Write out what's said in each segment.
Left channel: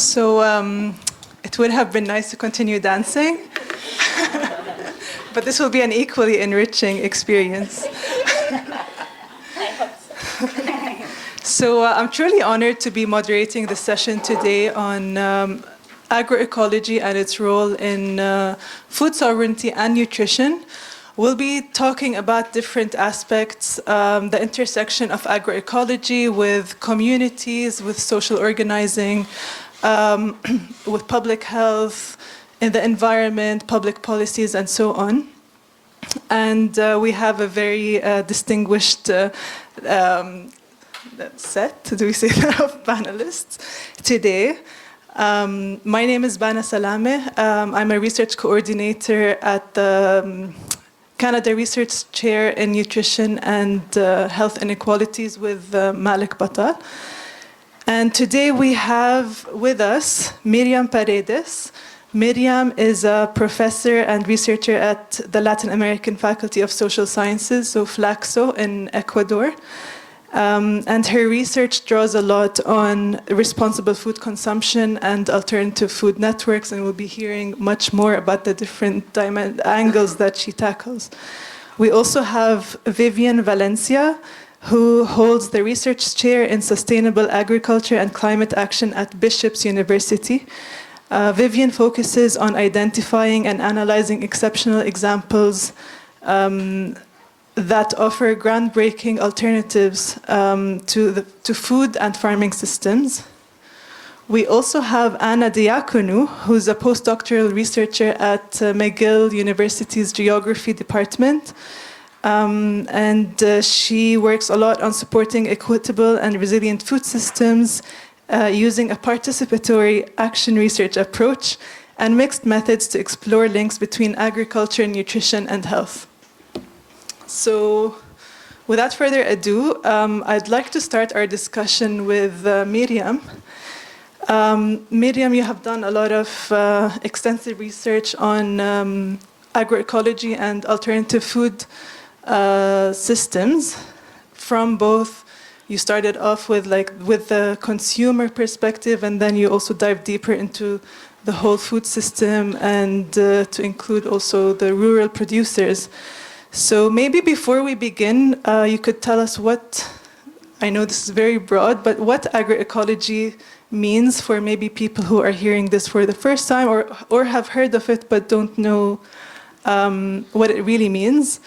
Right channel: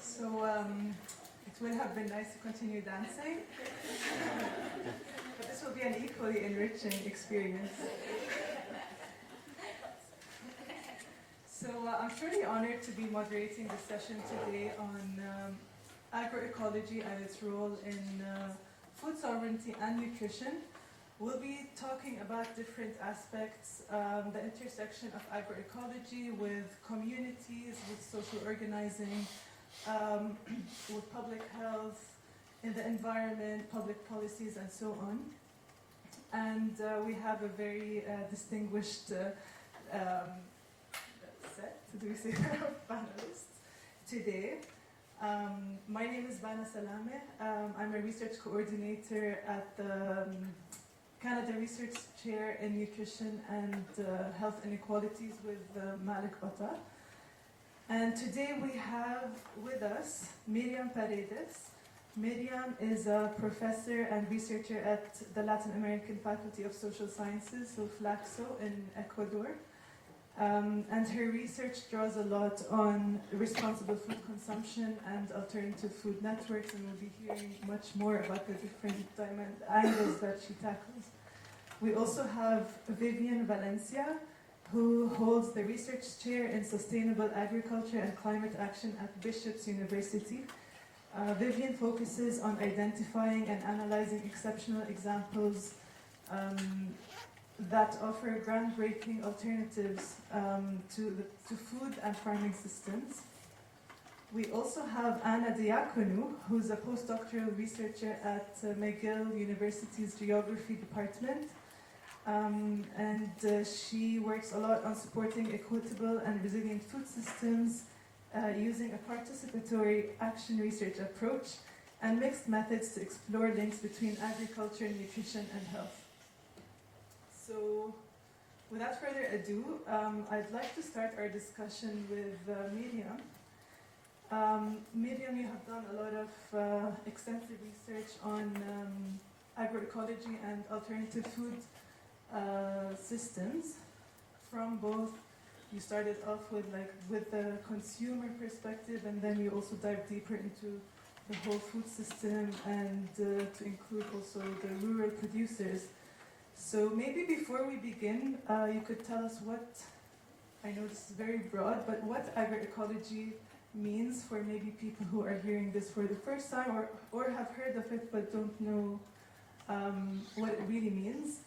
So it would have been nice to continue dancing, but this will be an equally enriching experience. So I'm truly honored to be moderating the session today on agroecology and its role in food sovereignty and nutrition. We'll be talking about different aspects, the intersection of agroecology with communities, with social organizing, with public health, in the environment, public policies, and so on. And we have a very distinguished set, do we say that, of panelists today. My name is Bana Salameh. I'm a research coordinator at the Canada Research Chair in Nutrition and Health Inequalities with Malik Batal. And today we have with us Myriam Paredes. Myriam is a professor and researcher at the Latin American Faculty of Social Sciences, so FLACSO in Ecuador. And her research draws a lot on responsible food consumption and alternative food networks, and we'll be hearing much more about the different angles that she tackles. We also have Vivian Valencia, who holds the research chair in sustainable agriculture and climate action at Bishop's University. Vivian focuses on identifying and analyzing exceptional examples that offer groundbreaking alternatives to food and farming systems. We also have Anna Deaconu, who's a postdoctoral researcher at McGill University's Geography Department. She works a lot on supporting equitable and resilient food systems using a participatory action research approach and mixed methods to explore links between agriculture, nutrition, and health. So without further ado, I'd like to start our discussion with Myriam. Myriam, you have done a lot of extensive research on agroecology and alternative food systems from both. You started off with the consumer perspective, and then you also dive deeper into the whole food system and to include also the rural producers. So maybe before we begin, you could tell us what, I know this is very broad, but what agroecology means for maybe people who are hearing this for the first time or have heard of it but don't know what it really means.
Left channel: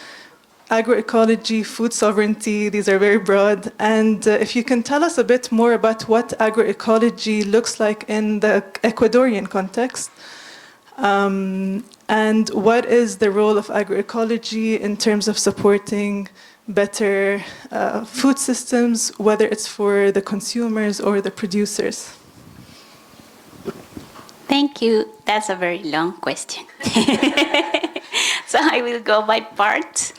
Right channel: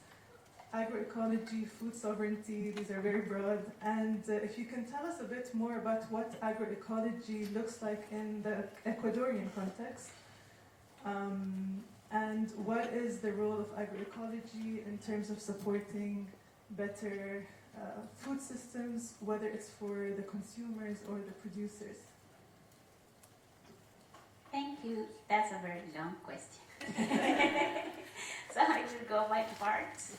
Agroecology, food sovereignty, these are very broad. And if you can tell us a bit more about what agroecology looks like in the Ecuadorian context, and what is the role of agroecology in terms of supporting better food systems, whether it's for the consumers or the producers? Thank you. That's a very long question. So I will go by parts.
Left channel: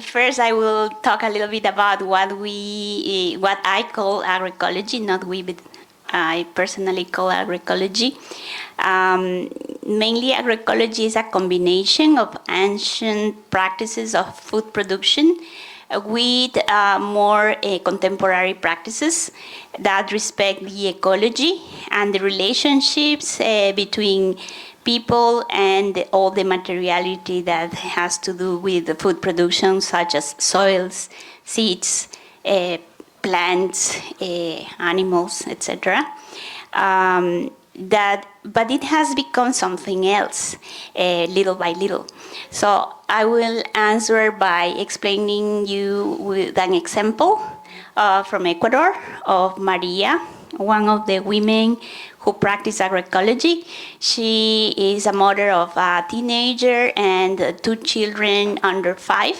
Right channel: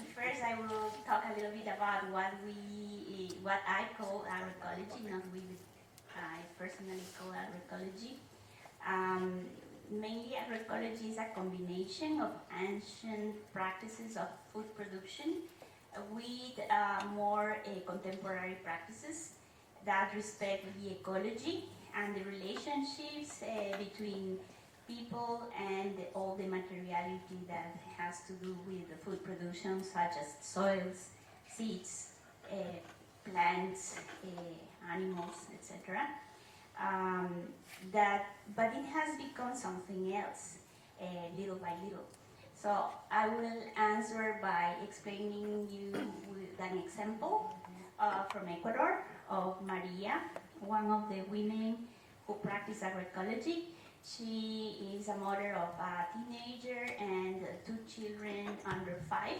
First, I will talk a little bit about what I call agroecology, not we, but I personally call agroecology. Mainly, agroecology is a combination of ancient practices of food production with more contemporary practices that respect the ecology and the relationships between people and all the materiality that has to do with the food production, such as soils, seeds, plants, animals, etc. But it has become something else, little by little. So I will answer by explaining you with an example from Ecuador of Maria, one of the women who practice agroecology. She is a mother of a teenager and 2 children under 5.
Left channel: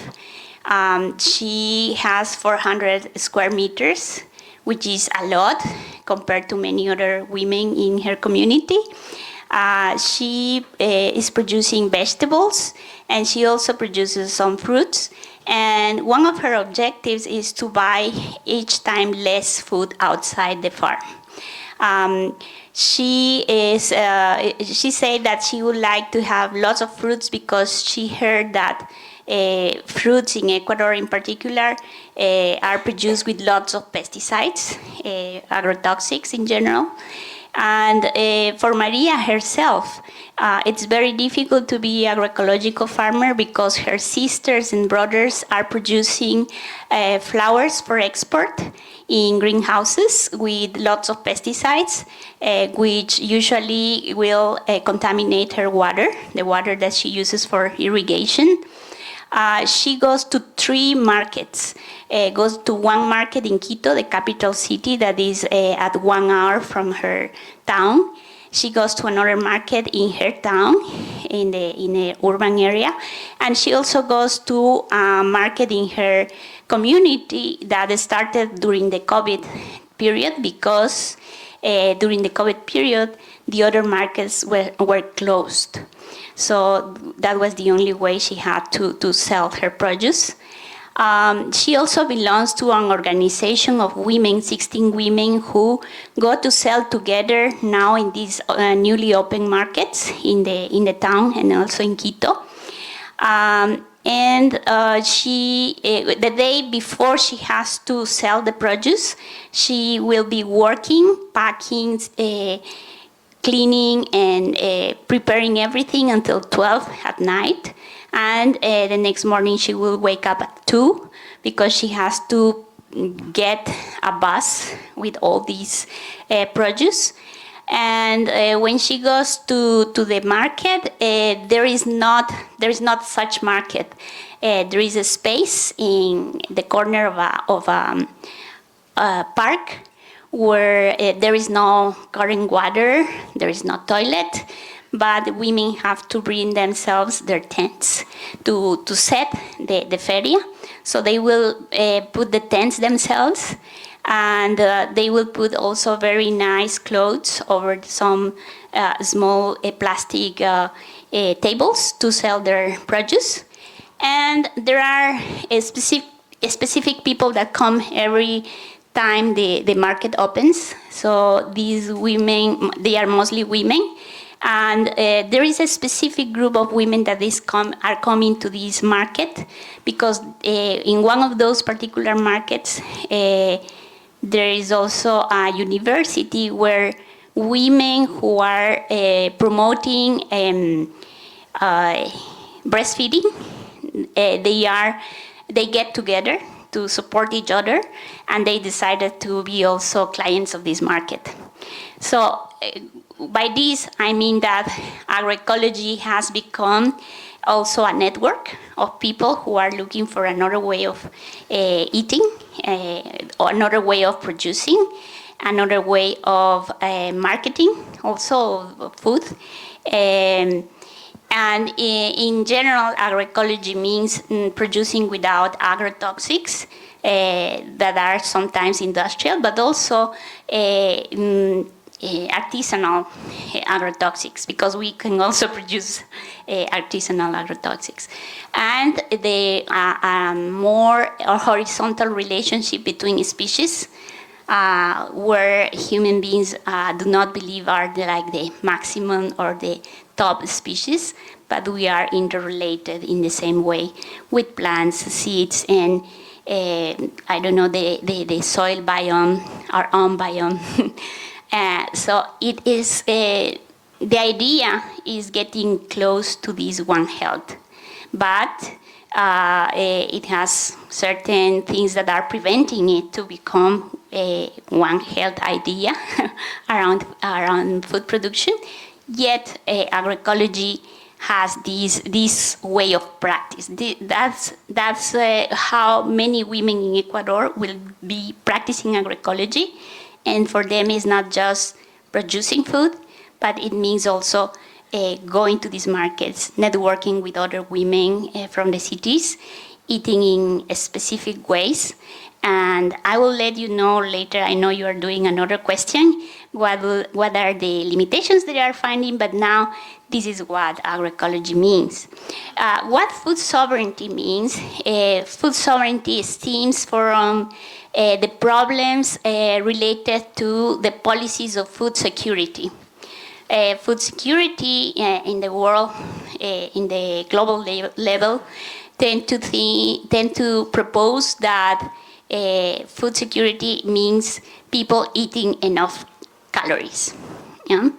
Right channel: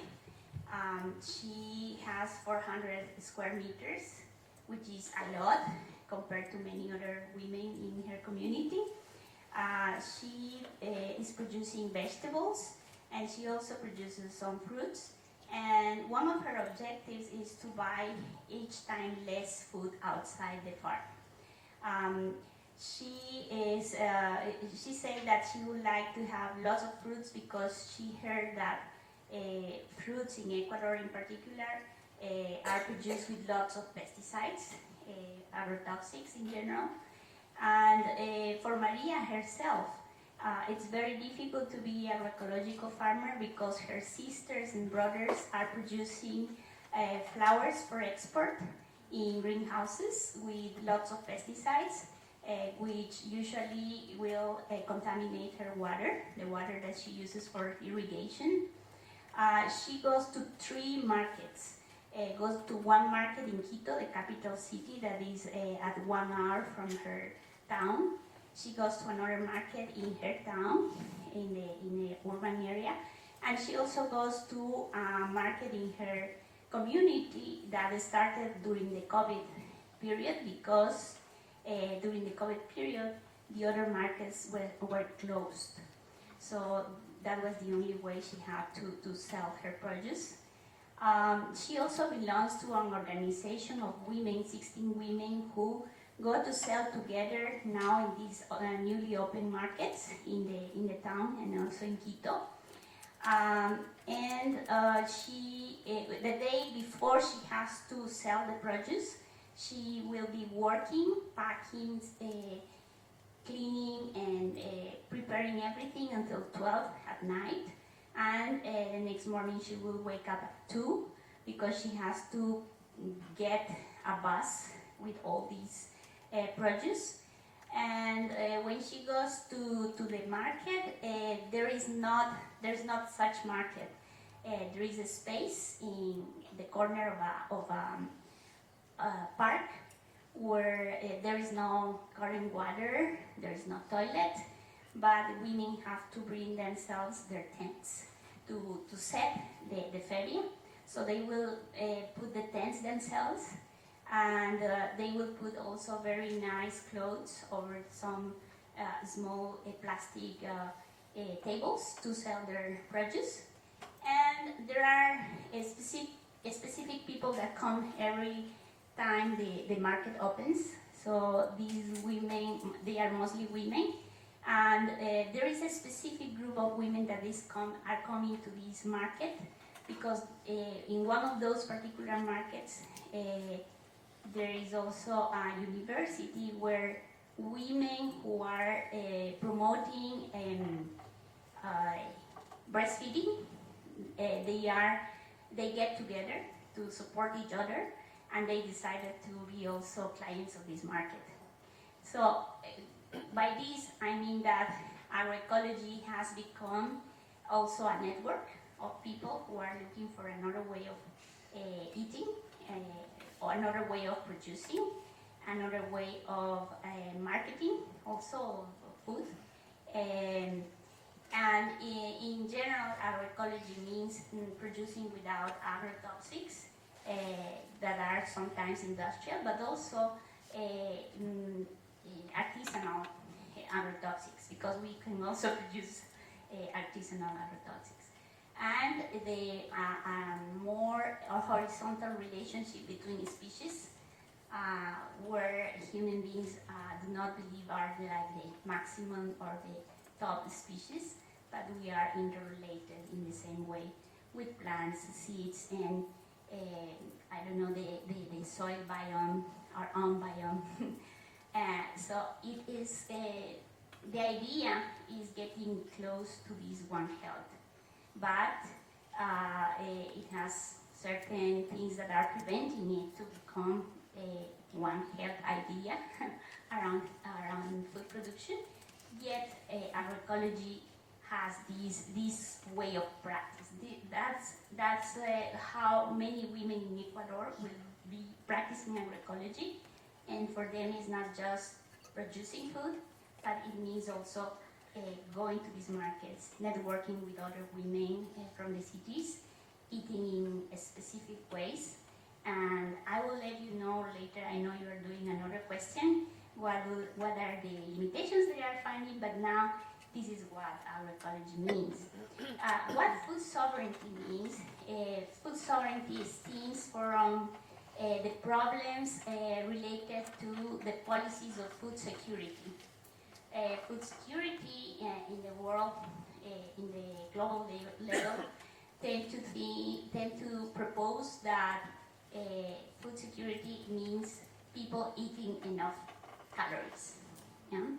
She has 400 square meters, which is a lot compared to many other women in her community. She is producing vegetables, and she also produces some fruits. And one of her objectives is to buy each time less food outside the farm. She said that she would like to have lots of fruits because she heard that fruits in Ecuador in particular are produced with lots of pesticides, agrotoxics in general. And for Maria herself, it's very difficult to be an agroecological farmer because her sisters and brothers are producing flowers for export in greenhouses with lots of pesticides, which usually will contaminate her water, the water that she uses for irrigation. She goes to 3 markets. Goes to one market in Quito, the capital city, that is at 1 hour from her town. She goes to another market in her town, in the urban area, and she also goes to a market in her community that started during the COVID period, because during the COVID period, the other markets were closed. So that was the only way she had to sell her produce. She also belongs to an organization of women, 16 women, who go to sell together now in these newly opened markets in the town and also in Quito. The day before she has to sell the produce, she will be working, packing, cleaning, and preparing everything until 12 at night. And the next morning she will wake up at 2 because she has to get a bus with all these produce. And when she goes to the market, there is not such market. There is a space in the corner of a park where there is no current water, there is no toilet, but women have to bring themselves their tents to set the feria. So they will put the tents themselves, and they will put also very nice clothes over some small plastic tables to sell their produce. And there are specific people that come every time the market opens. So these women, they are mostly women. And there is a specific group of women that are coming to this market because in one of those particular markets, there is also a university where women who are promoting breastfeeding, they get together to support each other, and they decided to be also clients of this market. So by this, I mean that agroecology has become also a network of people who are looking for another way of eating, or another way of producing, another way of marketing, also of food. And in general, agroecology means producing without agrotoxics that are sometimes industrial, but also artisanal agrotoxics, because we can also produce artisanal agrotoxics. And the more horizontal relationship between species, where human beings do not believe are the maximum or the top species, but we are interrelated in the same way with plants, seeds, and I don't know, the soil biome, our own biome. So it is, the idea is getting close to this One Health, but it has certain things that are preventing it to become a One Health idea around food production. Yet agroecology has this way of practice. That's how many women in Ecuador will be practicing agroecology. And for them, it's not just producing food, but it means also going to these markets, networking with other women from the cities, eating in specific ways. And I will let you know later, I know you are doing another question, what are the limitations that they are finding, but now this is what agroecology means. What food sovereignty means, food sovereignty stems from the problems related to the policies of food security. Food security in the world, in the global level, tend to propose that food security means people eating enough calories. Yeah?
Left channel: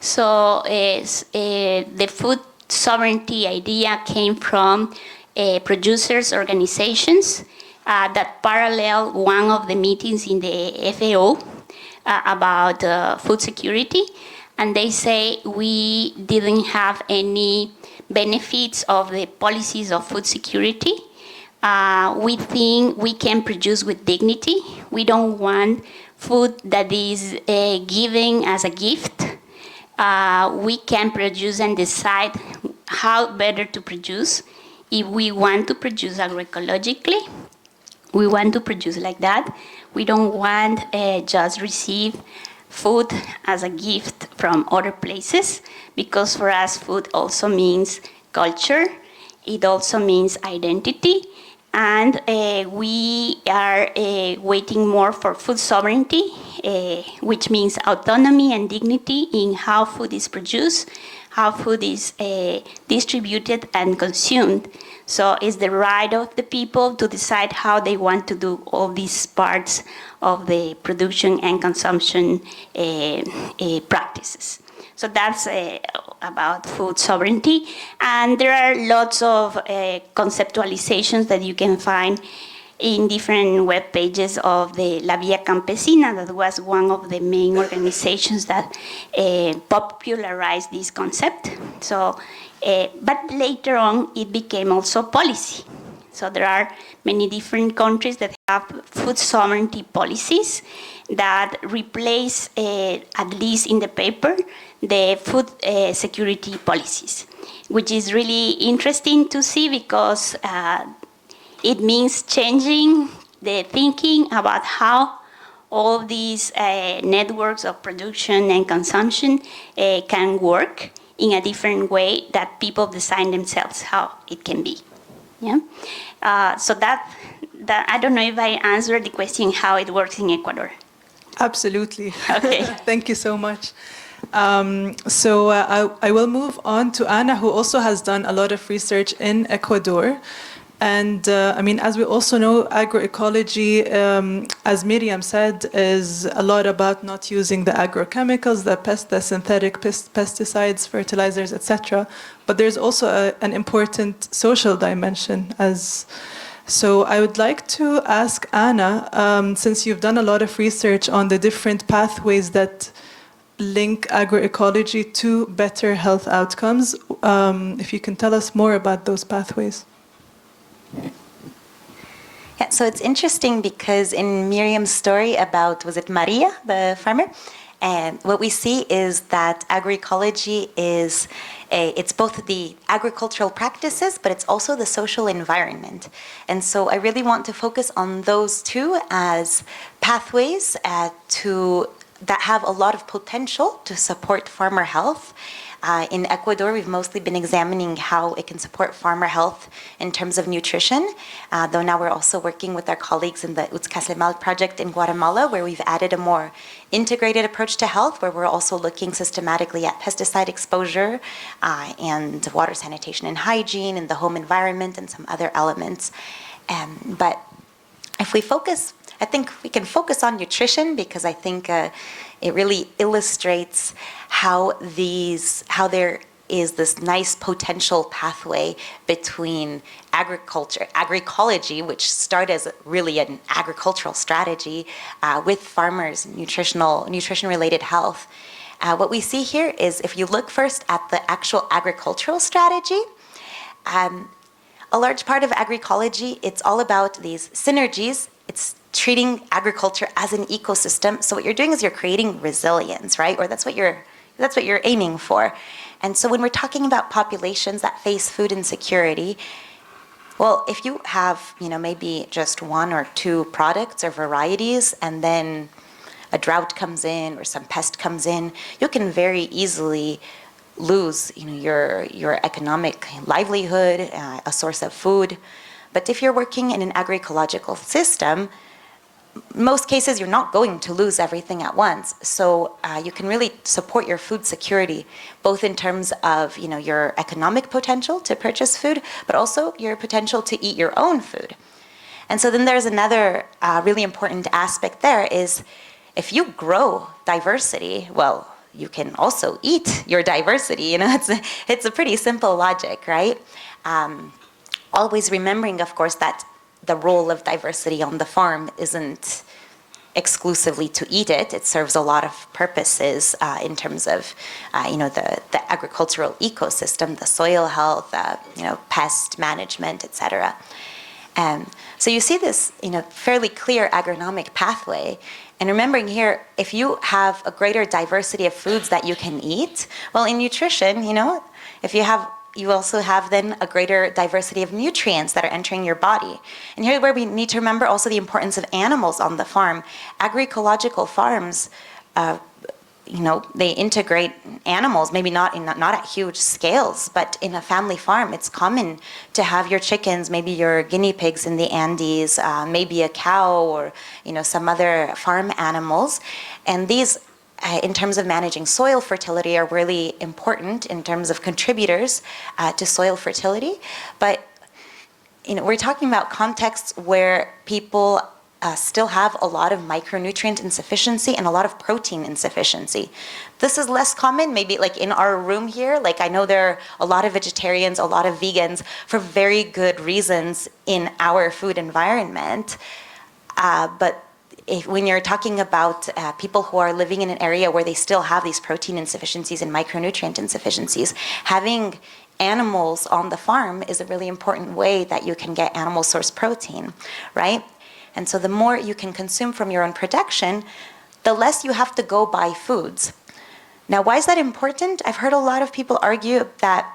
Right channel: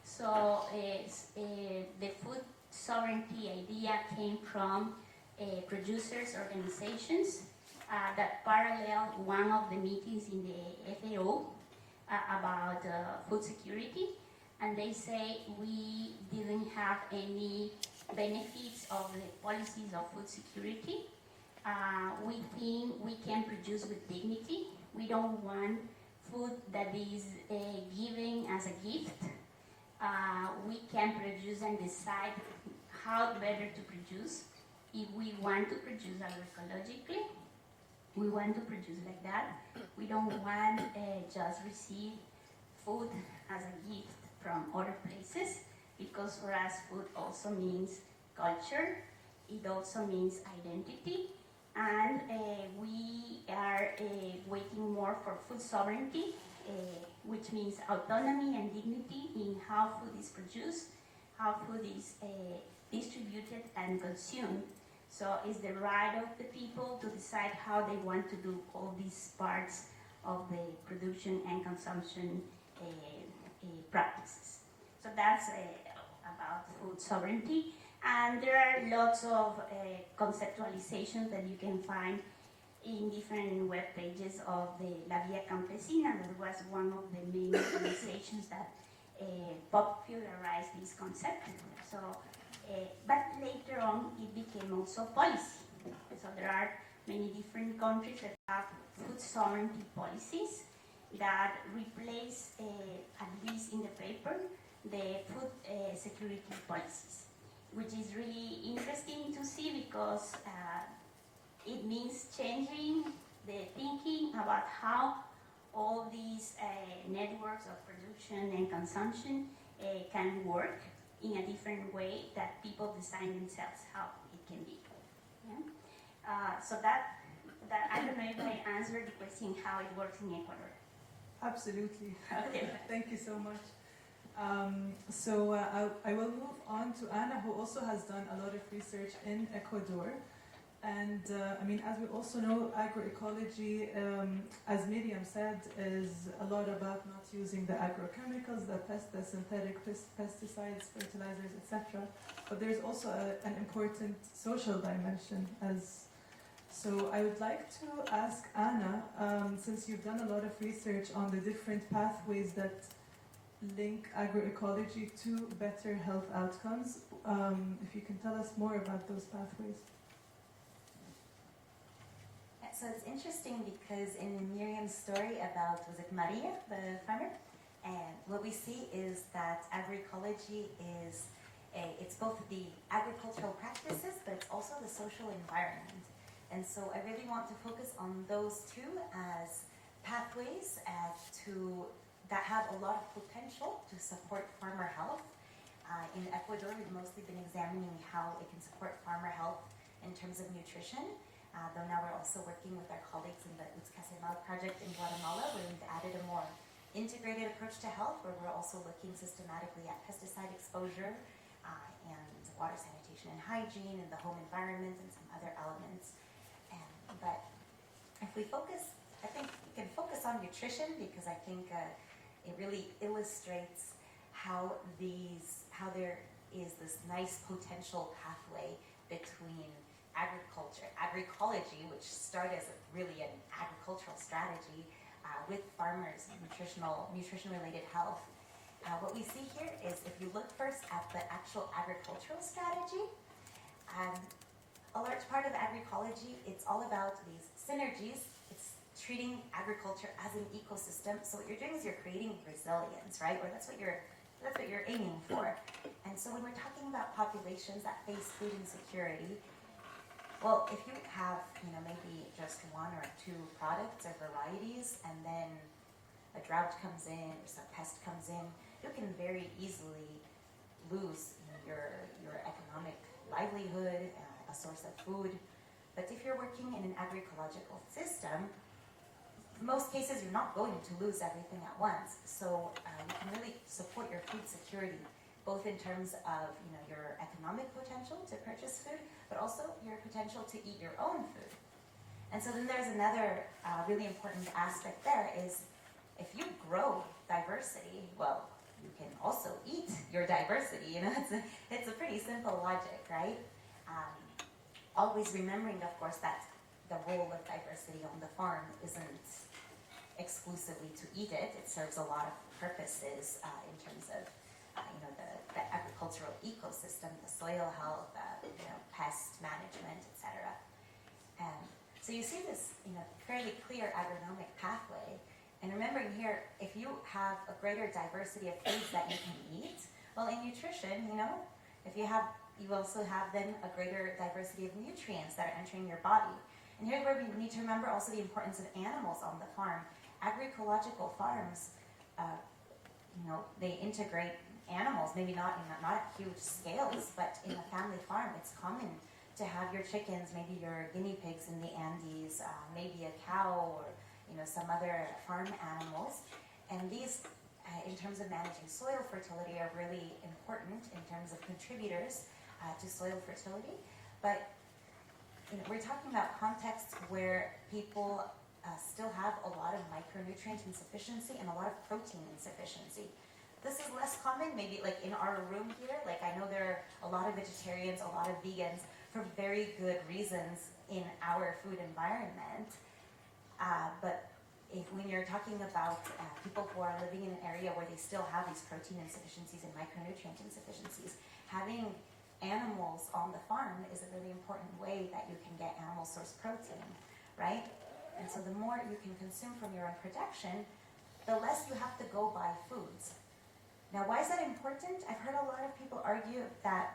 So the food sovereignty idea came from producers' organizations that parallel one of the meetings in the FAO about food security. And they say we didn't have any benefits of the policies of food security. We think we can produce with dignity. We don't want food that is given as a gift. We can produce and decide how better to produce. If we want to produce agroecologically, we want to produce like that. We don't want just receive food as a gift from other places, because for us food also means culture. It also means identity. And we are waiting more for food sovereignty, which means autonomy and dignity in how food is produced, how food is distributed and consumed. So it's the right of the people to decide how they want to do all these parts of the production and consumption practices. So that's about food sovereignty. And there are lots of conceptualizations that you can find in different web pages of the La Vía Campesina, that was one of the main organizations that popularized this concept. So, but later on, it became also policy. So there are many different countries that have food sovereignty policies that replace, at least in the paper, the food security policies, which is really interesting to see because it means changing the thinking about how all these networks of production and consumption can work in a different way that people design themselves how it can be. Yeah. So that I don't know if I answered the question how it works in Ecuador. Absolutely. Okay. Thank you so much. So I will move on to Anna, who also has done a lot of research in Ecuador. And I mean, as we also know, agroecology, as Myriam said, is a lot about not using the agrochemicals, the synthetic pesticides, fertilizers, etc. But there's also an important social dimension. So I would like to ask Anna, since you've done a lot of research on the different pathways that link agroecology to better health outcomes, if you can tell us more about those pathways. Yeah, so it's interesting because in Myriam's story about, was it Maria, the farmer? And what we see is that agroecology is, it's both the agricultural practices, but it's also the social environment. And so I really want to focus on those two as pathways that have a lot of potential to support farmer health. In Ecuador, we've mostly been examining how it can support farmer health in terms of nutrition, though now we're also working with our colleagues in the Utzcasemal project in Guatemala, where we've added a more integrated approach to health, where we're also looking systematically at pesticide exposure and water sanitation and hygiene and the home environment and some other elements. But if we focus, I think we can focus on nutrition because I think it really illustrates how there is this nice potential pathway between agroecology, which started as really an agricultural strategy with farmers, nutrition-related health. What we see here is if you look first at the actual agricultural strategy, a large part of agroecology, it's all about these synergies. It's treating agriculture as an ecosystem. So what you're doing is you're creating resilience, right? Or that's what you're aiming for. And so when we're talking about populations that face food insecurity, well, if you have, maybe just one or two products or varieties, and then a drought comes in or some pest comes in, you can very easily lose, your economic livelihood, a source of food. But if you're working in an agroecological system, most cases you're not going to lose everything at once. So you can really support your food security, both in terms of your economic potential to purchase food, but also your potential to eat your own food. And so then there's another really important aspect there is if you grow diversity, well, you can also eat your diversity. You know, it's a pretty simple logic, right? Always remembering, of course, that the role of diversity on the farm isn't exclusively to eat it. It serves a lot of purposes in terms of, you know, the agricultural ecosystem, the soil health, you know, pest management, etc. So you see this, you know, fairly clear agronomic pathway. And remembering here, if you have a greater diversity of foods that you can eat, well, in nutrition, you know, if you have, you also have then a greater diversity of nutrients that are entering your body. And here's where we need to remember also the importance of animals on the farm. Agroecological farms, you know, they integrate animals, maybe not at huge scales, but in a family farm, it's common to have your chickens, maybe your guinea pigs in the Andes, maybe a cow or, you know, some other farm animals. And these, in terms of managing soil fertility, are really important in terms of contributors to soil fertility. But, you know, we're talking about contexts where people still have a lot of micronutrient insufficiency and a lot of protein insufficiency. This is less common, maybe like in our room here. Like I know there are a lot of vegetarians, a lot of vegans for very good reasons in our food environment. But when you're talking about people who are living in an area where they still have these protein insufficiencies and micronutrient insufficiencies, having animals on the farm is a really important way that you can get animal source protein, right? And so the more you can consume from your own production, the less you have to go buy foods. Now, why is that important? I've heard a lot of people argue that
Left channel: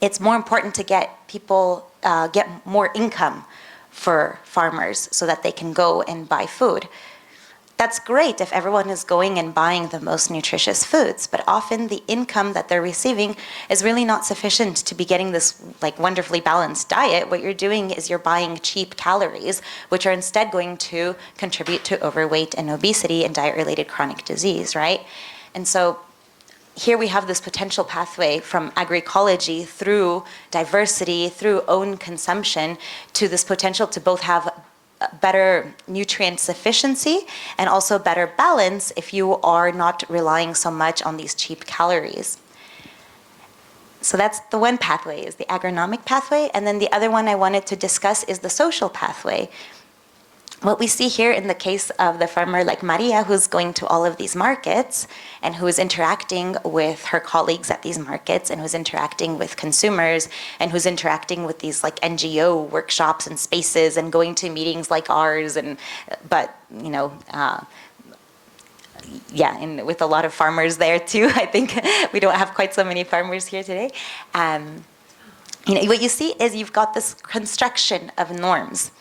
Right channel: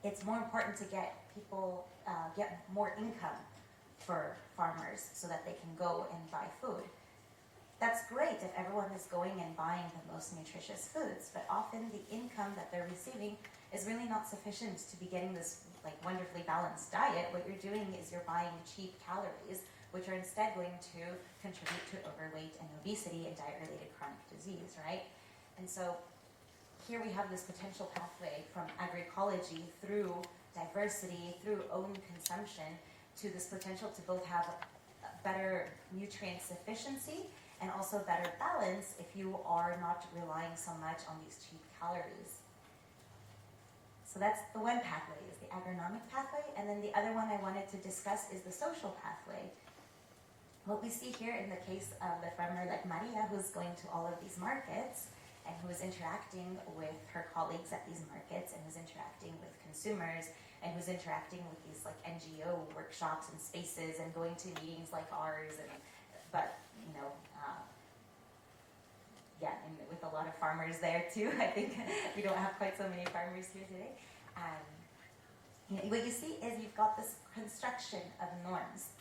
it's more important to get people, get more income for farmers so that they can go and buy food. That's great if everyone is going and buying the most nutritious foods, but often the income that they're receiving is really not sufficient to be getting this like wonderfully balanced diet. What you're doing is you're buying cheap calories, which are instead going to contribute to overweight and obesity and diet-related chronic disease, right? And so here we have this potential pathway from agroecology through diversity, through own consumption, to this potential to both have better nutrient sufficiency and also better balance if you are not relying so much on these cheap calories. So that's the one pathway, is the agronomic pathway. And then the other one I wanted to discuss is the social pathway. What we see here in the case of the farmer like Maria, who's going to all of these markets and who is interacting with her colleagues at these markets and who's interacting with consumers and who's interacting with these like NGO workshops and spaces and going to meetings like ours, and but you know, yeah, and with a lot of farmers there too. I think we don't have quite so many farmers here today. You know, what you see is you've got this construction of norms.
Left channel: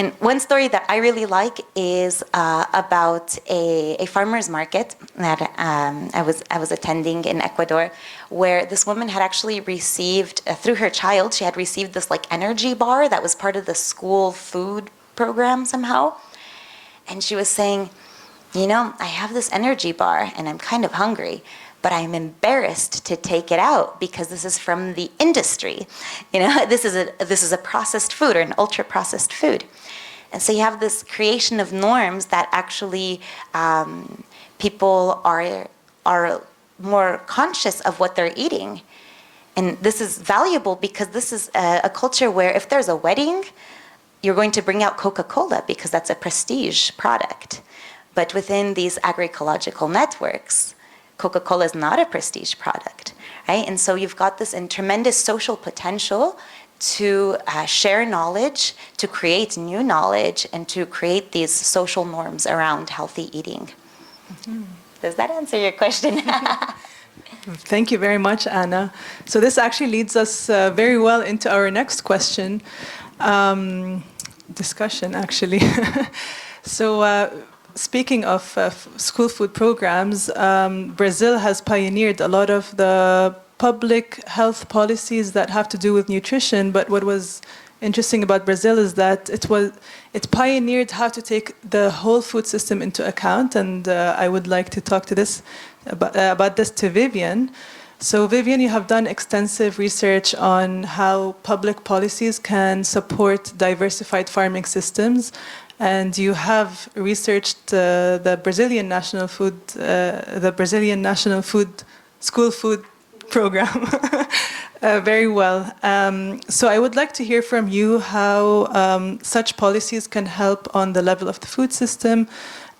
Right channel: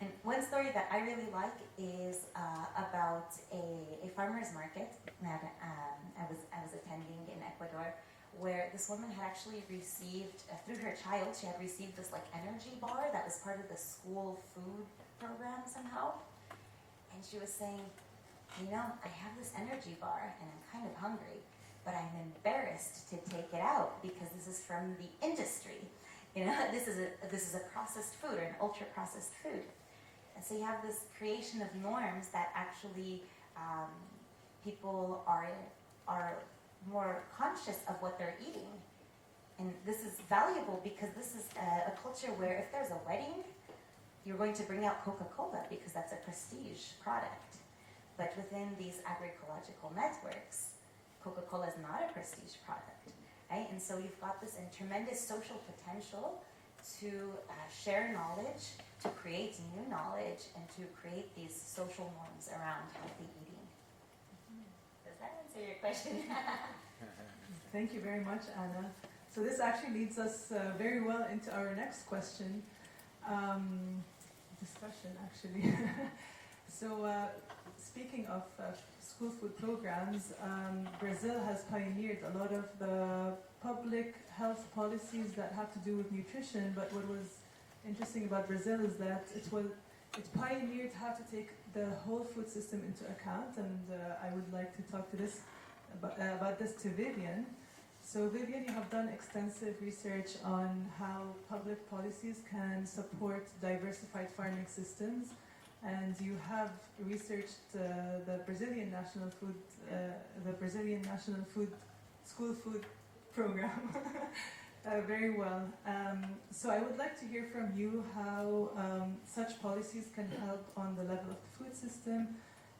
And one story that I really like is about a farmer's market that I was attending in Ecuador, where this woman had actually received, through her child, she had received this like energy bar that was part of the school food program somehow. And she was saying, you know, I have this energy bar and I'm kind of hungry, but I'm embarrassed to take it out because this is from the industry. You know, this is a processed food or an ultra-processed food. And so you have this creation of norms that actually people are more conscious of what they're eating. And this is valuable because this is a culture where if there's a wedding, you're going to bring out Coca-Cola because that's a prestige product. But within these agroecological networks, Coca-Cola is not a prestige product, right? And so you've got this tremendous social potential to share knowledge, to create new knowledge, and to create these social norms around healthy eating. Mm-hmm. Does that answer your question? Thank you very much, Anna. So this actually leads us very well into our next question, discussion actually. So speaking of school food programs, Brazil has pioneered a lot of the public health policies that have to do with nutrition, but what was interesting about Brazil is that it pioneered how to take the whole food system into account, and I would like to talk to about this to Vivian. So Vivian, you have done extensive research on how public policies can support diversified farming systems, and you have researched the Brazilian national food school food program very well. So I would like to hear from you how such policies can help on the level of the food system,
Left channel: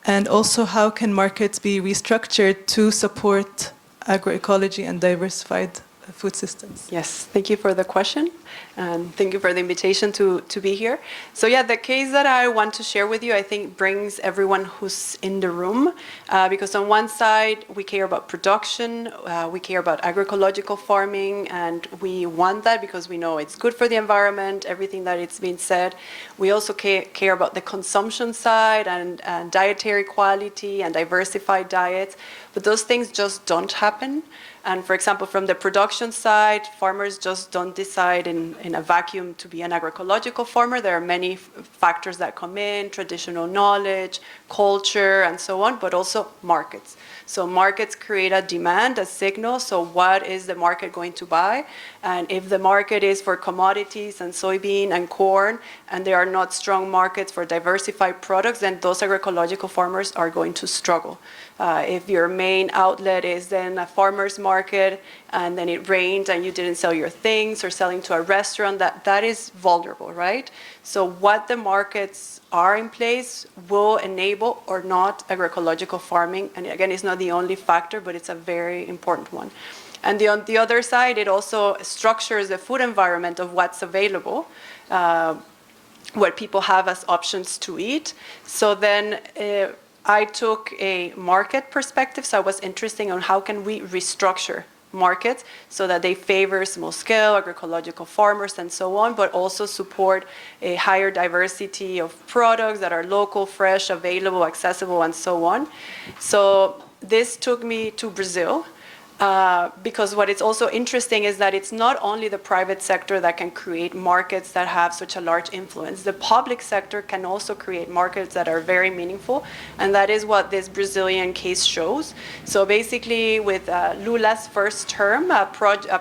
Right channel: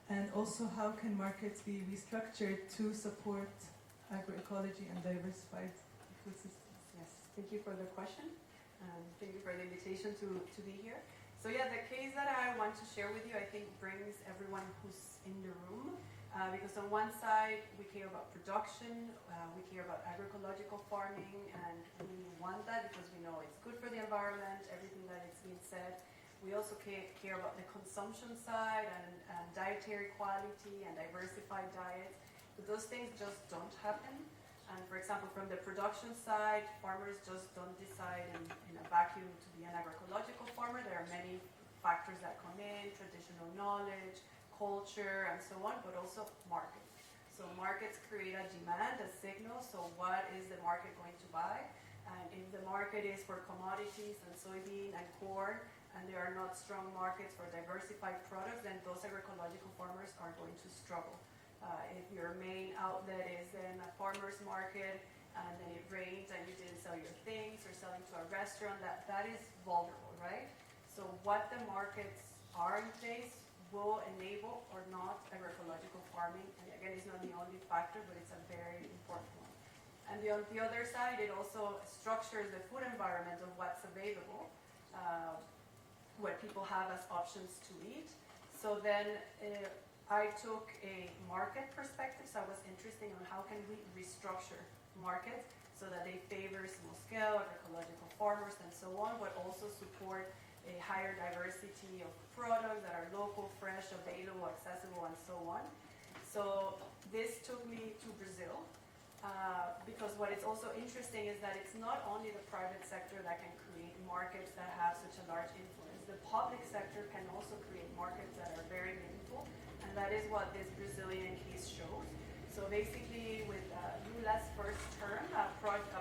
and also how can markets be restructured to support agroecology and diversified food systems. Yes, thank you for the question, and thank you for the invitation to be here. So yeah, the case that I want to share with you, I think brings everyone who's in the room, because on one side, we care about production, we care about agroecological farming, and we want that because we know it's good for the environment, everything that it's been said. We also care about the consumption side and dietary quality and diversified diets, but those things just don't happen. And for example, from the production side, farmers just don't decide in a vacuum to be an agroecological farmer. There are many factors that come in, traditional knowledge, culture, and so on, but also markets. So markets create a demand, a signal. So what is the market going to buy? And if the market is for commodities and soybean and corn, and there are not strong markets for diversified products, then those agroecological farmers are going to struggle. If your main outlet is then a farmer's market, and then it rained and you didn't sell your things, or selling to a restaurant, that is vulnerable, right? So what the markets are in place will enable or not agroecological farming. And again, it's not the only factor, but it's a very important one. And on the other side, it also structures the food environment of what's available, what people have as options to eat. So then I took a market perspective, so I was interested on how can we restructure markets so that they favor small-scale agroecological farmers and so on, but also support a higher diversity of products that are local, fresh, available, accessible, and so on. So this took me to Brazil. Because what is also interesting is that it's not only the private sector that can create markets that have such a large influence. The public sector can also create markets that are very meaningful, and that is what this Brazilian case shows. So basically, with Lula's first term, a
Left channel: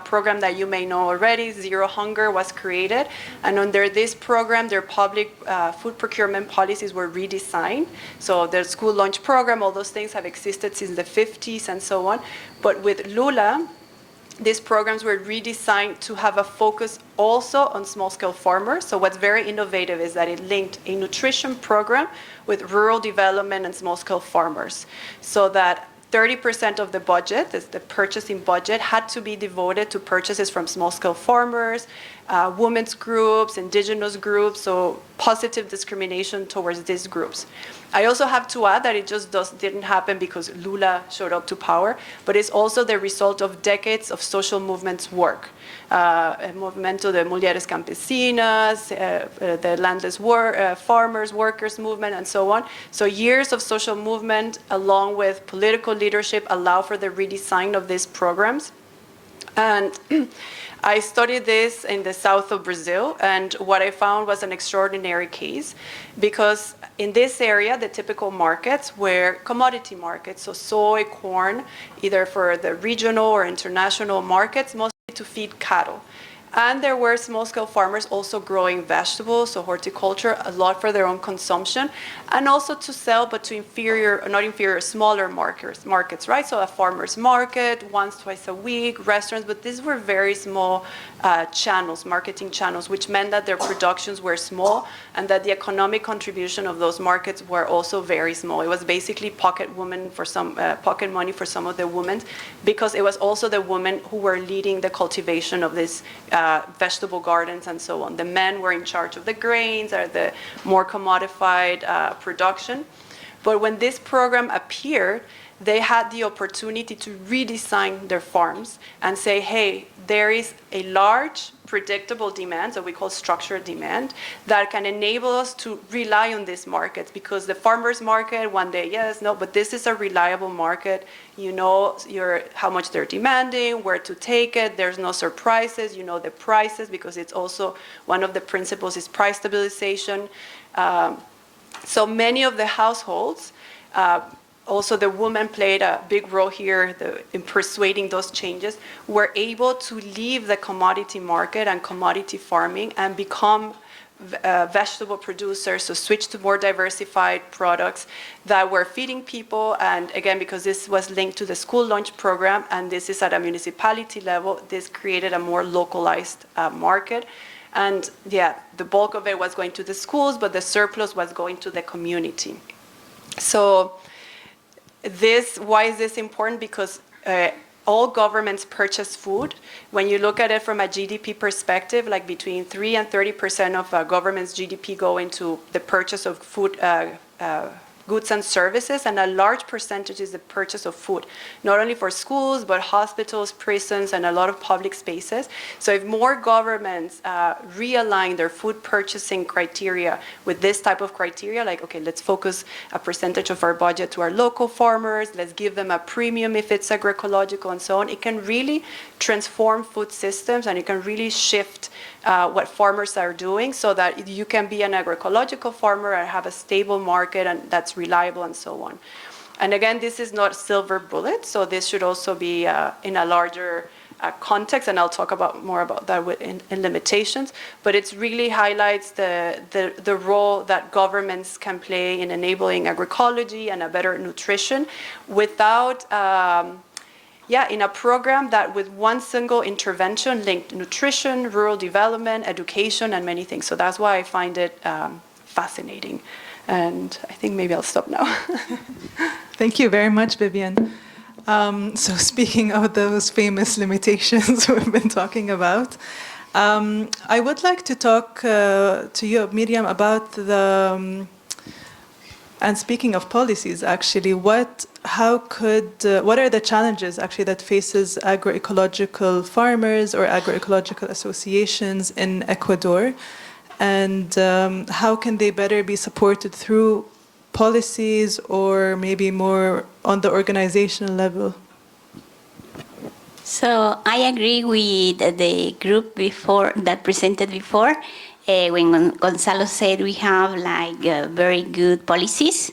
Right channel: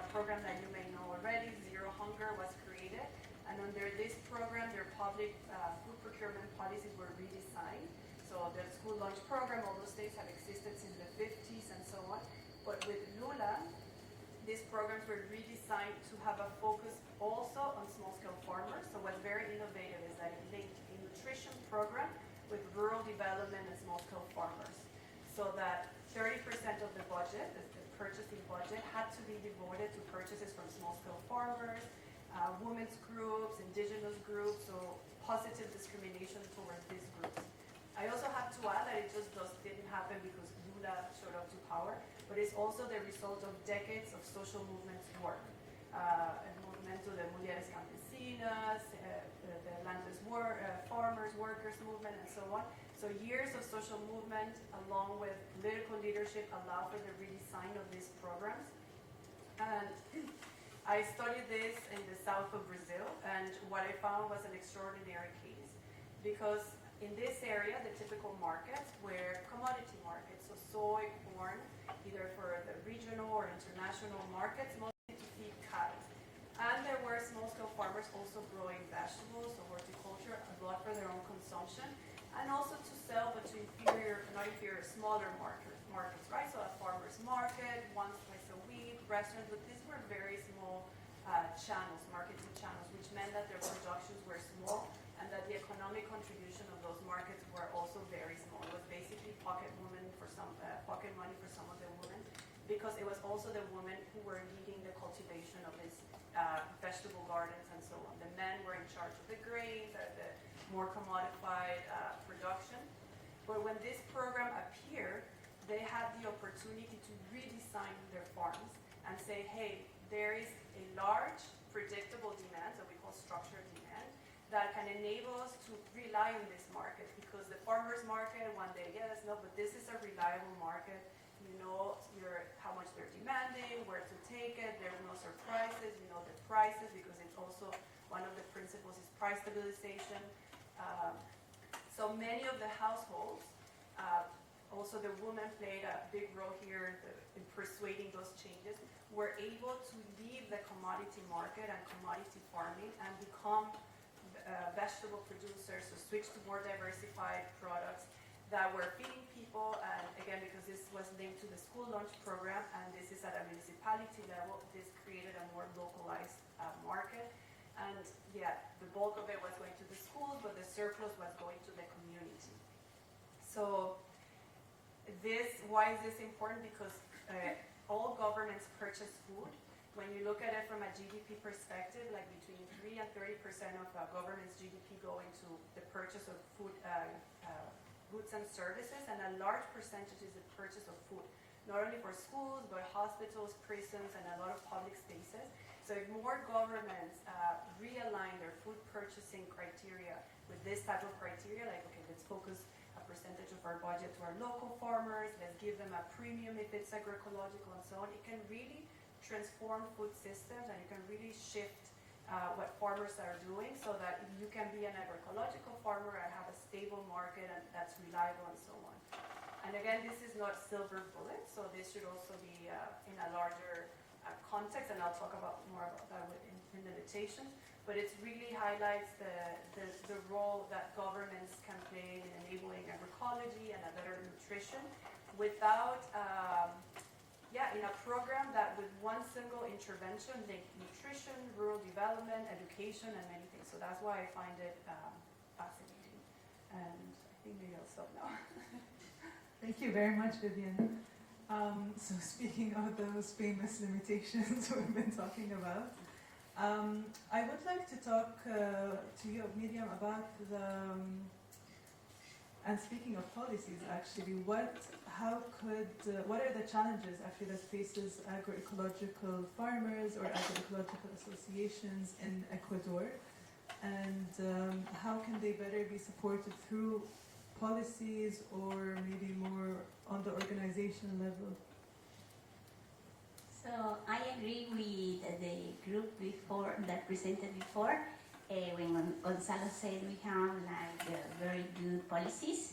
program that you may know already, Zero Hunger, was created, and under this program, their public food procurement policies were redesigned. So the school lunch program, all those things have existed since the 50s and so on. But with Lula, these programs were redesigned to have a focus also on small-scale farmers. So what's very innovative is that it linked a nutrition program with rural development and small-scale farmers, so that 30% of the budget, the purchasing budget, had to be devoted to purchases from small-scale farmers, women's groups, indigenous groups, so positive discrimination towards these groups. I also have to add that it just didn't happen because Lula showed up to power, but it's also the result of decades of social movements work. El Movimiento de Mujeres Campesinas, the landless farmers, workers movement, and so on. So years of social movement along with political leadership allow for the redesign of these programs. And I studied this in the south of Brazil, and what I found was an extraordinary case, because in this area, the typical markets were commodity markets, so soy, corn, either for the regional or international markets, mostly to feed cattle. And there were small-scale farmers also growing vegetables, so horticulture, a lot for their own consumption, and also to sell, but to smaller markets, right? So a farmer's market, once, twice a week, restaurants, but these were very small channels, marketing channels, which meant that their productions were small and that the economic contribution of those markets were also very small. It was basically pocket money for some of the women, because it was also the women who were leading the cultivation of these vegetable gardens and so on. The men were in charge of the grains or the more commodified production. But when this program appeared, they had the opportunity to redesign their farms and say, hey, there is a large predictable demand, so we call structured demand, that can enable us to rely on these markets, because the farmer's market, one day, yes, no, but this is a reliable market. You know how much they're demanding, where to take it, there's no surprises, you know the prices, because it's also one of the principles is price stabilization. So many of the households, also the women played a big role here in persuading those changes, were able to leave the commodity market and commodity farming and become vegetable producers, so switch to more diversified products that were feeding people. And again, because this was linked to the school lunch program, and this is at a municipality level, this created a more localized market. And yeah, the bulk of it was going to the schools, but the surplus was going to the community. So why is this important? Because all governments purchase food. When you look at it from a GDP perspective, like between 3 and 30% of a government's GDP go into the purchase of food, goods and services, and a large percentage is the purchase of food, not only for schools, but hospitals, prisons, and a lot of public spaces. So if more governments realign their food purchasing criteria with this type of criteria, like, okay, let's focus a percentage of our budget to our local farmers, let's give them a premium if it's agroecological and so on, it can really transform food systems, and it can really shift what farmers are doing, so that you can be an agroecological farmer and have a stable market and that's reliable and so on. And again, this is not silver bullet, so this should also be in a larger context, and I'll talk more about that in limitations, but it really highlights the role that governments can play in enabling agroecology and a better nutrition without in a program that with one single intervention linked nutrition, rural development, education, and many things. So that's why I find it fascinating. And I think maybe I'll stop now. Thank you very much, Vivian. So speaking of those famous limitations we've been talking about, I would like to talk to you, Myriam, about and speaking of policies, actually, what are the challenges actually that faces agroecological farmers or agroecological associations in Ecuador, and how can they better be supported through policies or maybe more on the organizational level? So I agree with the group that presented before. When Gonzalo said we have very good policies.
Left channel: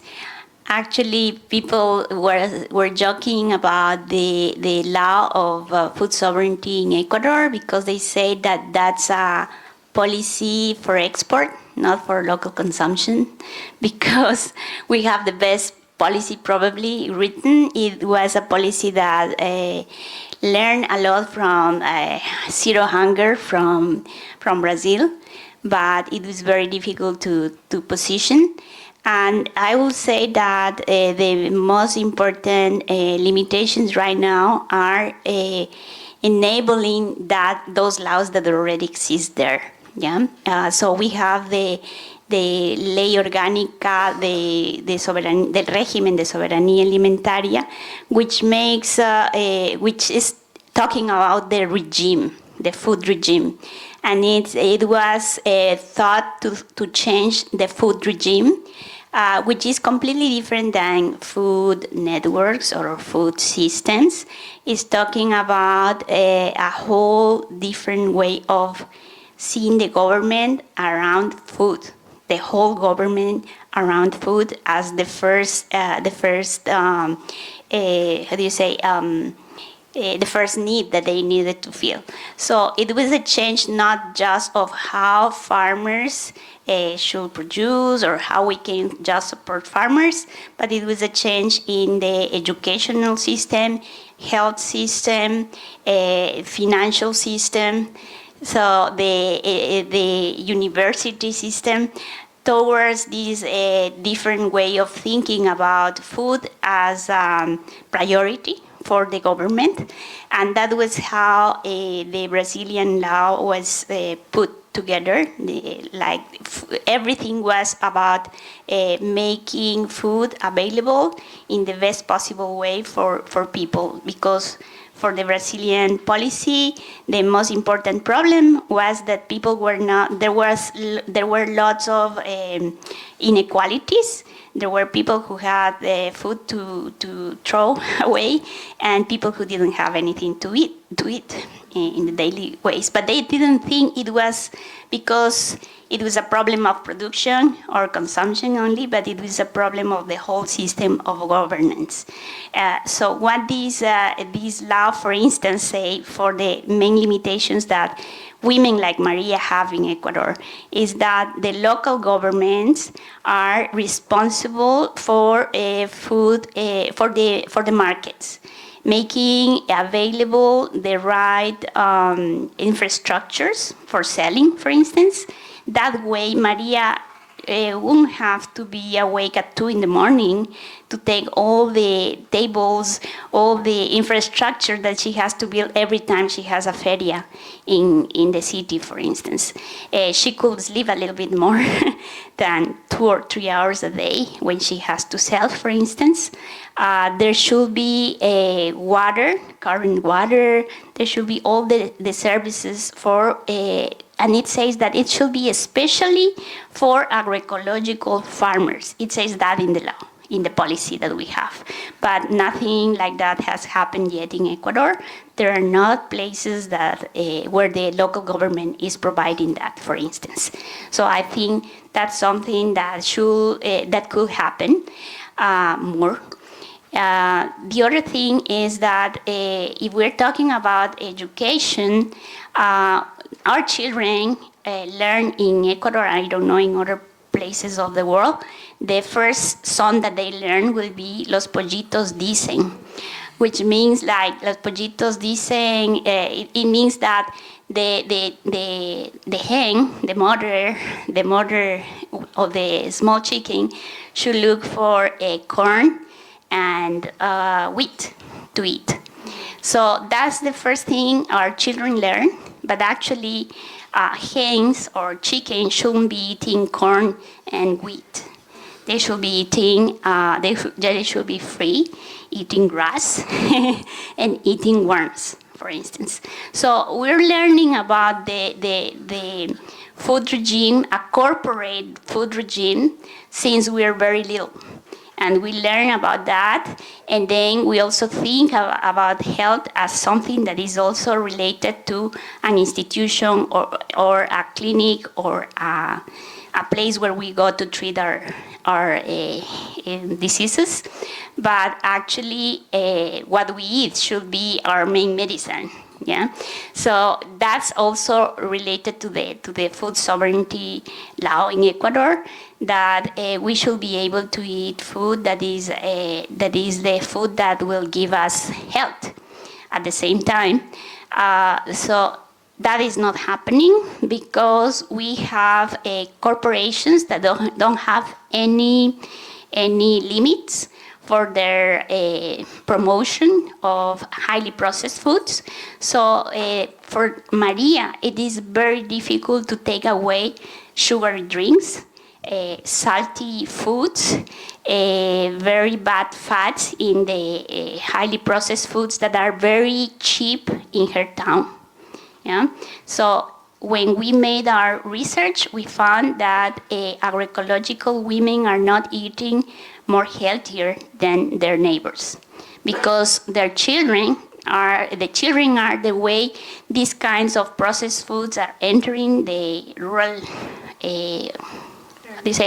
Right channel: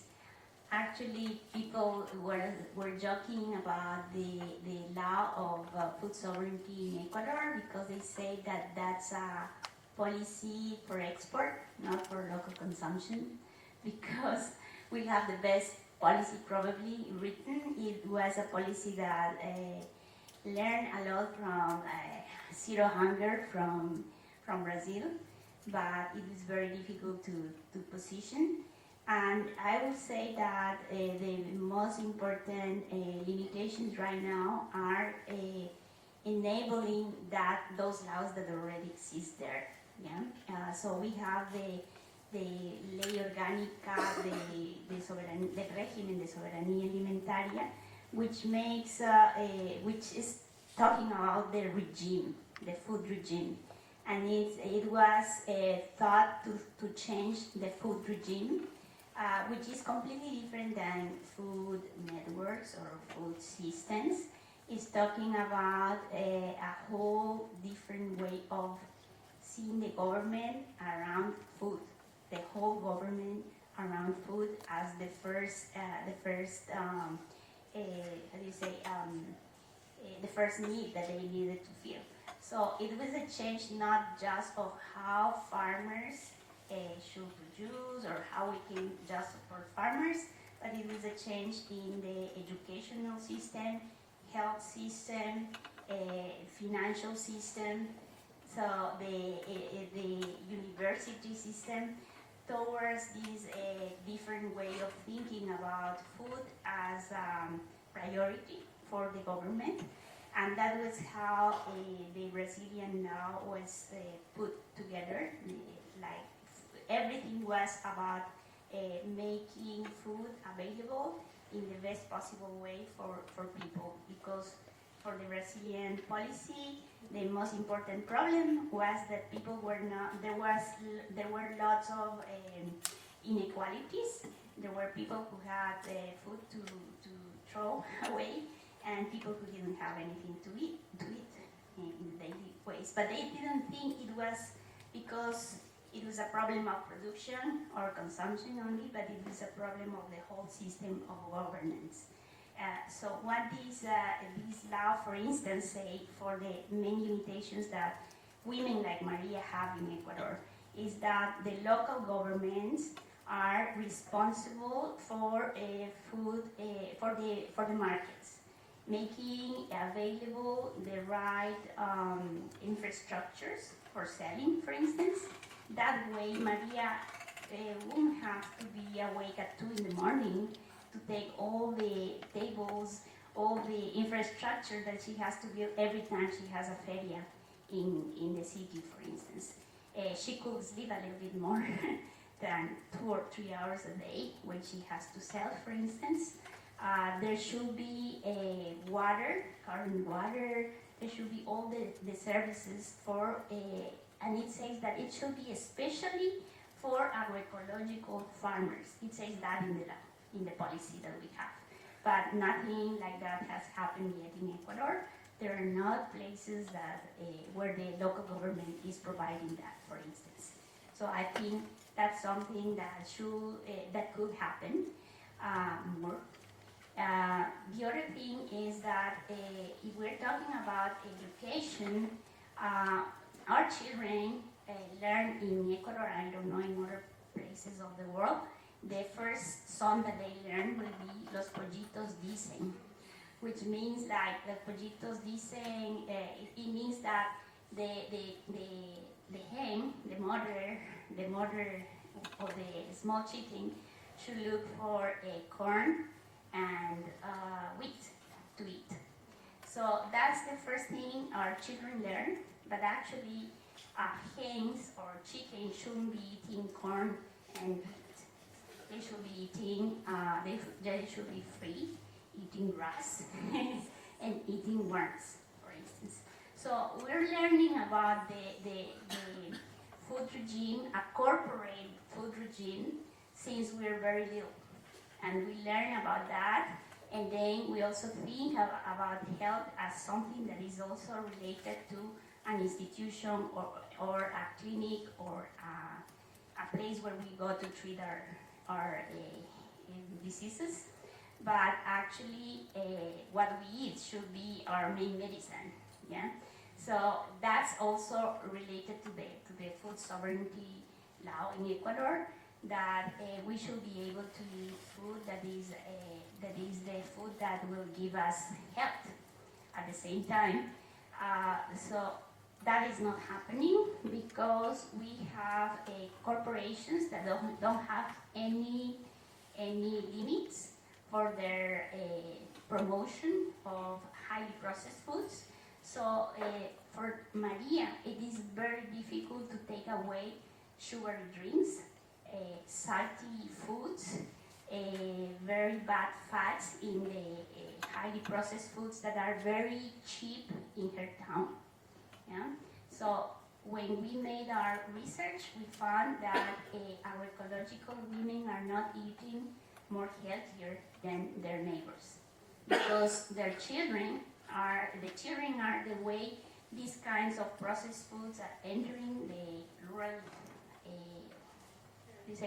Actually, people were joking about the law of food sovereignty in Ecuador, because they say that that's a policy for export, not for local consumption, because we have the best policy probably written. It was a policy that learned a lot from zero hunger from Brazil, but it was very difficult to position. And I will say that the most important limitations right now are enabling those laws that already exist there. Yeah. So we have the Ley Orgánica del Régimen de Soberanía Alimentaria, which is talking about the regime, the food regime. And it was thought to change the food regime, which is completely different than food networks or food systems. It's talking about a whole different way of seeing the government around food, the whole government around food as the first the first need that they needed to fill. So it was a change not just of how farmers should produce or how we can just support farmers, but it was a change in the educational system, health system, financial system, so the university system, towards this different way of thinking about food as priority for the government. And that was how the Brazilian law was put together. Everything was about making food available in the best possible way for people, because for the Brazilian policy, the most important problem was that people were not, there were lots of inequalities. There were people who had food to throw away and people who didn't have anything to eat. do it in the daily ways. But they didn't think it was because it was a problem of production or consumption only, but it was a problem of the whole system of governance. So what this law, for instance, say for the main limitations that women like Maria have in Ecuador is that the local governments are responsible for food for the markets, making available the right infrastructures for selling, for instance. That way, Maria won't have to be awake at 2 in the morning to take all the tables, all the infrastructure that she has to build every time she has a feria in the city, for instance. She could sleep a little bit more than 2 or 3 hours a day when she has to sell, for instance. There should be water, current water. There should be all the services for and it says that it should be especially for agroecological farmers. It says that in the law, in the policy that we have. But nothing like that has happened yet in Ecuador. There are not places that where the local government is providing that, for instance. So I think that's something that that could happen more. The other thing is that if we're talking about education, our children learn in Ecuador, I don't know in other places of the world, the first song that they learn will be Los Pollitos Dicen, which means like Los Pollitos Dicen, it means that the hen, the mother of the small chicken should look for corn and wheat to eat. So that's the first thing our children learn, but actually hens or chickens shouldn't be eating corn and wheat. They should be eating, they should be free, eating grass and eating worms, for instance. So we're learning about the food regime, a corporate food regime, since we're very little. And we learn about that, and then we also think about health as something that is also related to an institution or a clinic or a place where we go to treat our diseases. But actually, what we eat should be our main medicine. Yeah, so that's also related to the food sovereignty law in Ecuador, that we should be able to eat food that is the food that will give us health at the same time. So that is not happening because we have corporations that don't have any limits for their promotion of highly processed foods. So for Maria, it is very difficult to take away sugary drinks, salty foods, very bad fats in the highly processed foods that are very cheap in her town. Yeah? So when we made our research, we found that agroecological women are not eating more healthier than their neighbors, because their children are the way these kinds of processed foods are entering the rural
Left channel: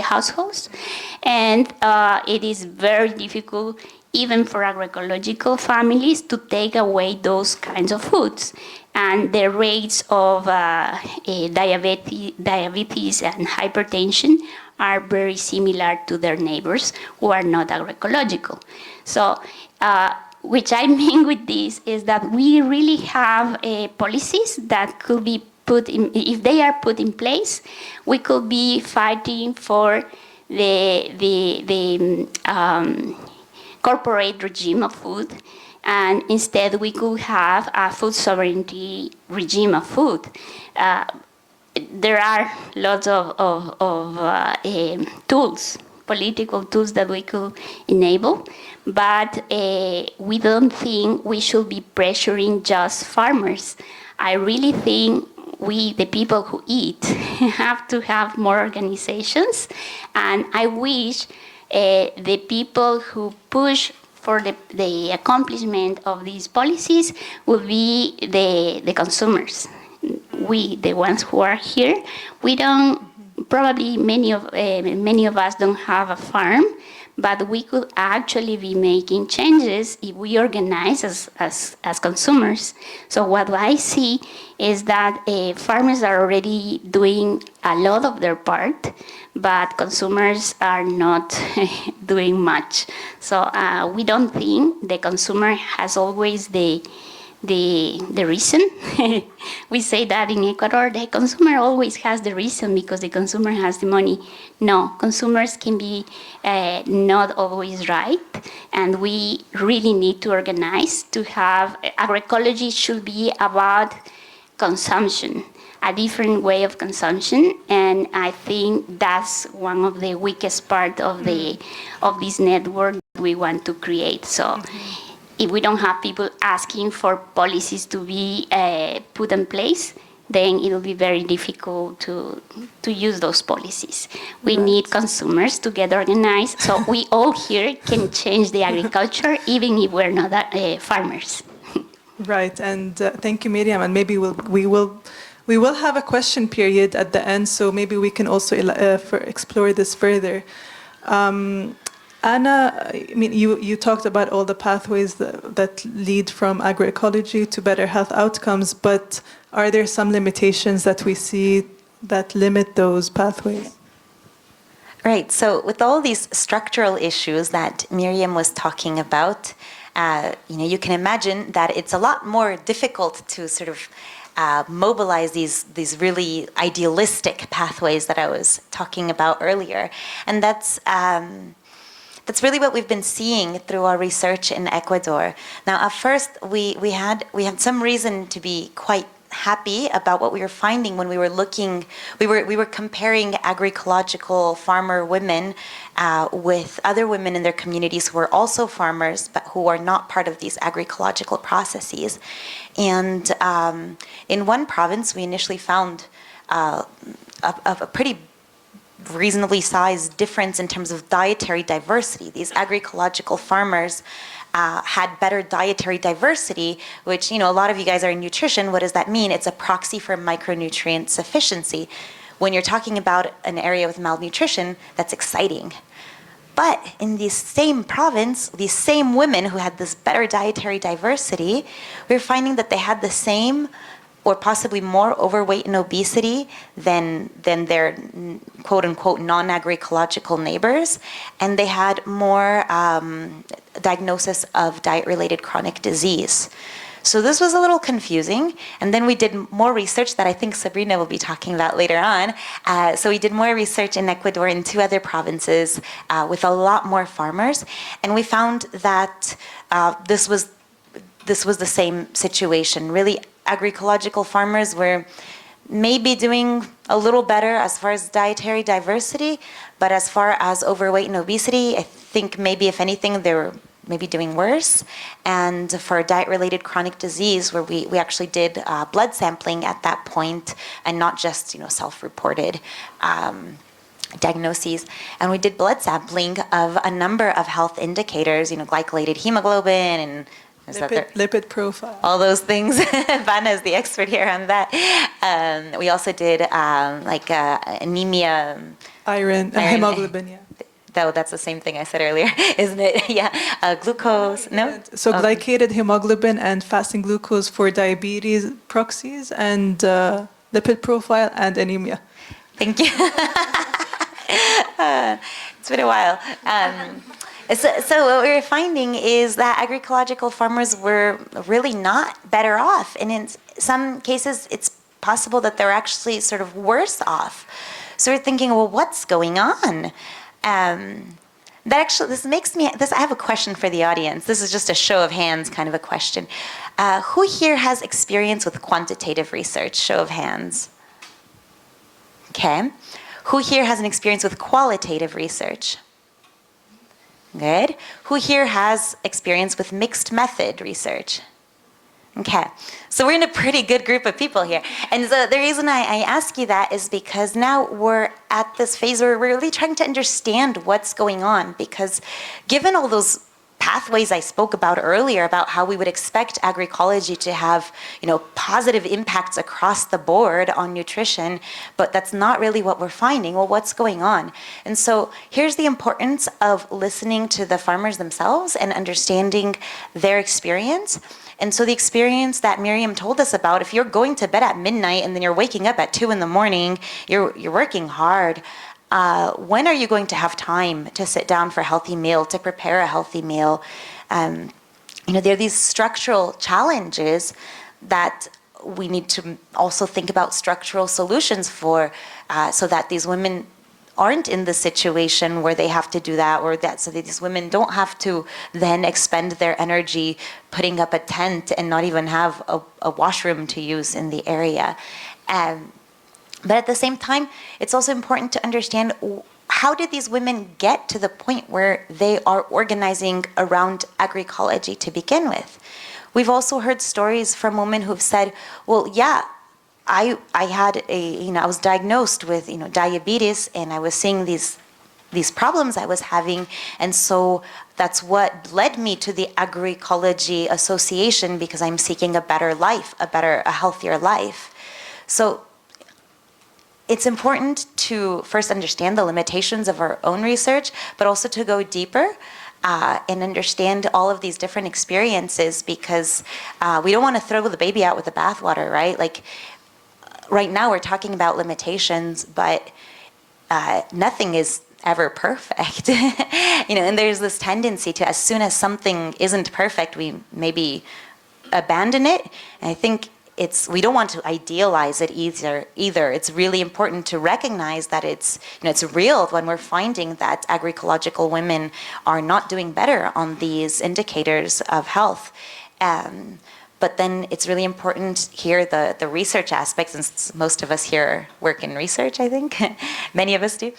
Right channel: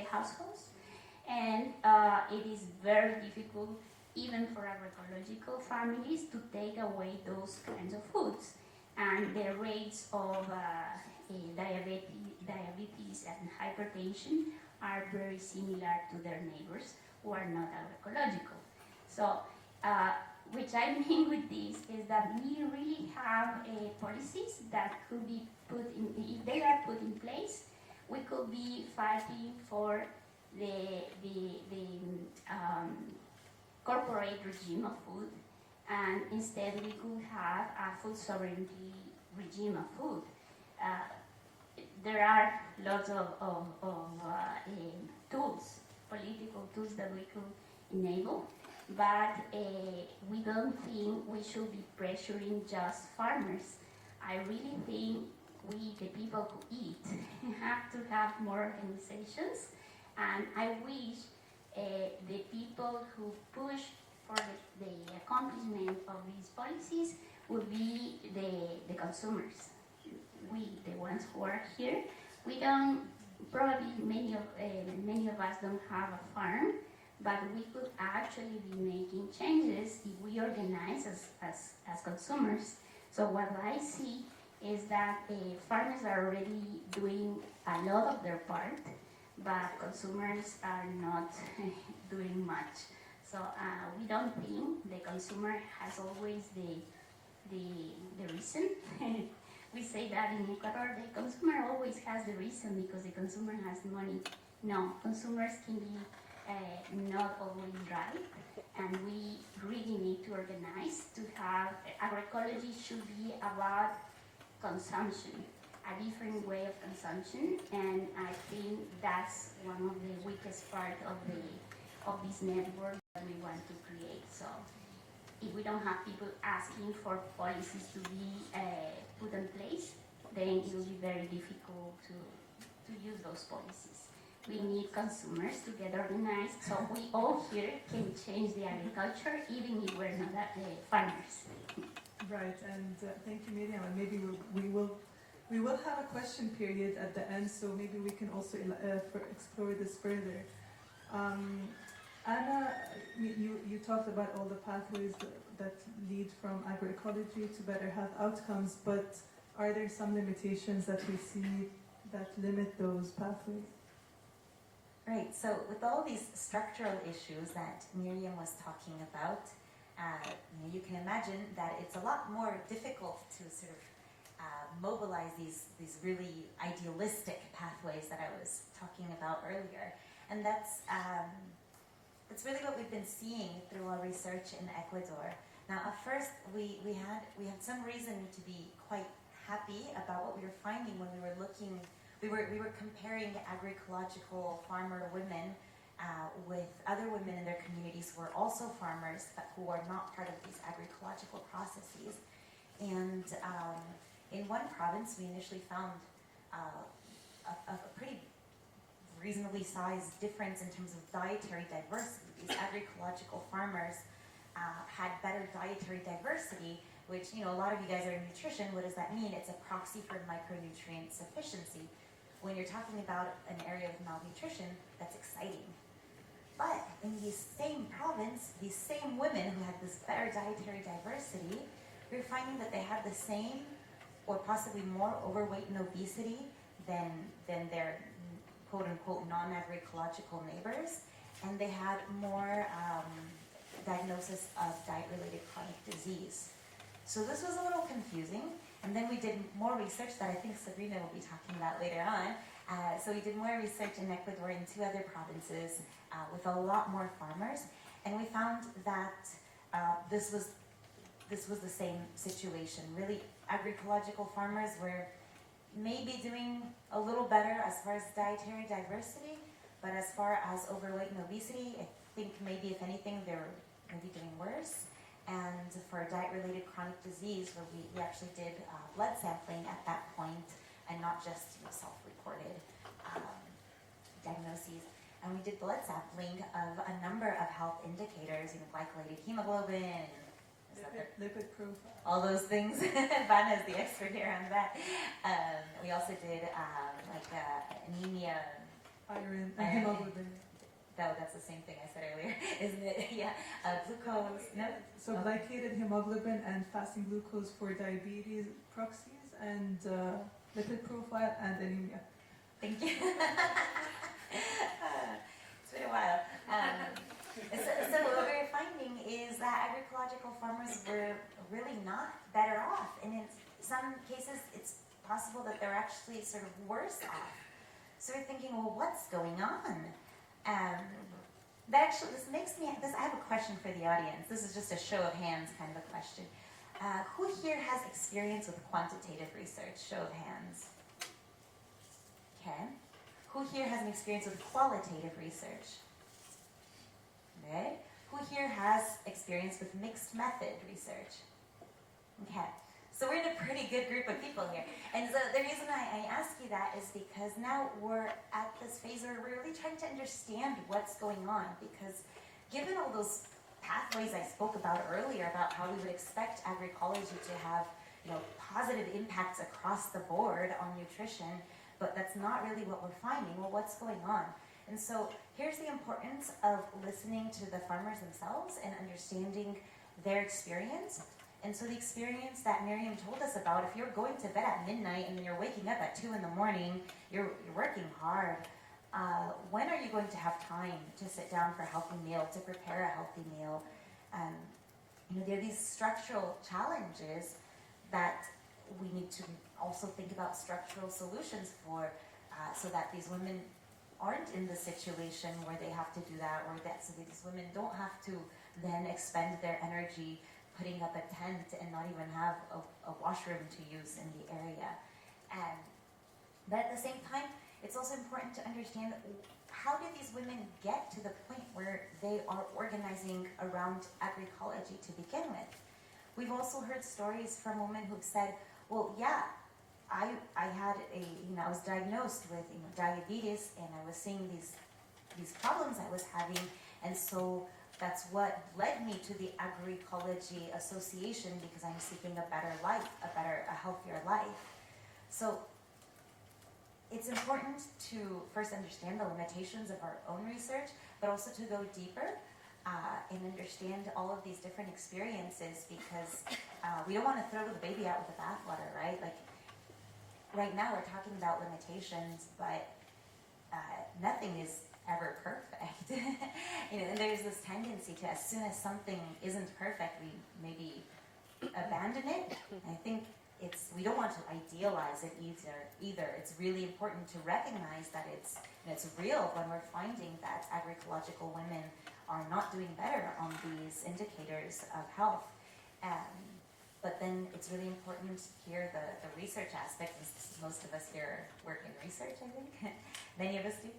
households, and it is very difficult even for agroecological families to take away those kinds of foods. And the rates of diabetes and hypertension are very similar to their neighbors who are not agroecological. So, which I mean with this is that we really have policies that could be put in, if they are put in place, we could be fighting for the corporate regime of food, and instead we could have a food sovereignty regime of food. There are lots of tools, political tools that we could enable, but we don't think we should be pressuring just farmers. I really think we, the people who eat, have to have more organizations, and I wish the people who push for the accomplishment of these policies will be the consumers. We, the ones who are here, we don't, probably many of us don't have a farm, but we could actually be making changes if we organize as consumers. So what I see is that farmers are already doing a lot of their part, but consumers are not doing much. So we don't think the consumer has always the reason. We say that in Ecuador, the consumer always has the reason because the consumer has the money. No, consumers can be not always right, and we really need to organize to have, agroecology should be about consumption, a different way of consumption, and I think that's one of the weakest part of this network we want to create. So if we don't have people asking for policies to be put in place, then it will be very difficult to use those policies. We need consumers to get organized, so we all here can change the agriculture, even if we're not farmers. Right, and thank you, Myriam. And maybe we will have a question period at the end, so maybe we can also explore this further. Anna, I mean, you talked about all the pathways that lead from agroecology to better health outcomes, but are there some limitations that we see that limit those pathways? Right, so with all these structural issues that Myriam was talking about, you can imagine that it's a lot more difficult to sort of mobilize these really idealistic pathways that I was talking about earlier. And that's really what we've been seeing through our research in Ecuador. Now, at first, we had some reason to be quite happy about what we were finding when we were looking. We were comparing agroecological farmer women with other women in their communities who are also farmers, but who are not part of these agroecological processes. And in one province, we initially found a pretty reasonably sized difference in terms of dietary diversity. These agroecological farmers had better dietary diversity, which, a lot of you guys are in nutrition. What does that mean? It's a proxy for micronutrient sufficiency. When you're talking about an area with malnutrition, that's exciting. But in this same province, these same women who had this better dietary diversity, we're finding that they had the same or possibly more overweight and obesity than their quote-unquote non-agroecological neighbors, and they had more diagnosis of diet-related chronic disease. So this was a little confusing, and then we did more research that I think Sabrina will be talking about later on. So we did more research in Ecuador in 2 other provinces with a lot more farmers, and we found that this was the same situation. Really, agroecological farmers were maybe doing a little better as far as dietary diversity, but as far as overweight and obesity, I think maybe if anything they were maybe doing worse. And for diet-related chronic disease, where we actually did blood sampling at that point, and not just self-reported diagnoses, and we did blood sampling of a number of health indicators, glycolated hemoglobin and lipid profile. All those things. Bana is the expert here on that. We also did anemia. Iron, hemoglobin, yeah. That's the same thing I said earlier, isn't it? Yeah. Glucose, no? So glycated hemoglobin and fasting glucose for diabetes proxies, and lipid profile and anemia. Thank you. It's been a while. So what we were finding is that agroecological farmers were really not better off. And in some cases, it's possible that they're actually sort of worse off. So we're thinking, well, what's going on? I have a question for the audience. This is just a show of hands kind of a question. Who here has experience with quantitative research? Show of hands. Okay. Who here has an experience with qualitative research? Good. Who here has experience with mixed method research? Okay, so we're in a pretty good group of people here. And so the reason I ask you that is because now we're at this phase where we're really trying to understand what's going on, because given all those pathways I spoke about earlier, about how we would expect agroecology to have, positive impacts across the board on nutrition, but that's not really what we're finding. Well, what's going on? And so here's the importance of listening to the farmers themselves and understanding their experience. And so the experience that Myriam told us about, if you're going to bed at midnight and then you're waking up at 2 in the morning, you're working hard. When are you going to have time to sit down for a healthy meal, to prepare a healthy meal? There are these structural challenges that we need to also think about structural solutions for, so that these women aren't in the situation where they have to do that, or that so that these women don't have to then expend their energy putting up a tent and not even have a washroom to use in the area. But at the same time, it's also important to understand, how did these women get to the point where they are organizing around agroecology to begin with? We've also heard stories from women who've said, well, yeah, I had I was diagnosed with, diabetes, and I was seeing these problems I was having, and so that's what led me to the Agroecology Association, because I'm seeking a better life, a healthier life. So it's important to first understand the limitations of our own research, but also to go deeper and understand all of these different experiences, because we don't want to throw the baby out with the bathwater, right? Like, right now we're talking about limitations, but nothing is ever perfect. And there's this tendency to, as soon as something isn't perfect, we maybe abandon it. And I think we don't want to idealize it either. It's really important to recognize that it's real when we're finding that agroecological women are not doing better on these indicators of health. But then it's really important here, the research aspect, since most of us here work in research, I think, many of us do,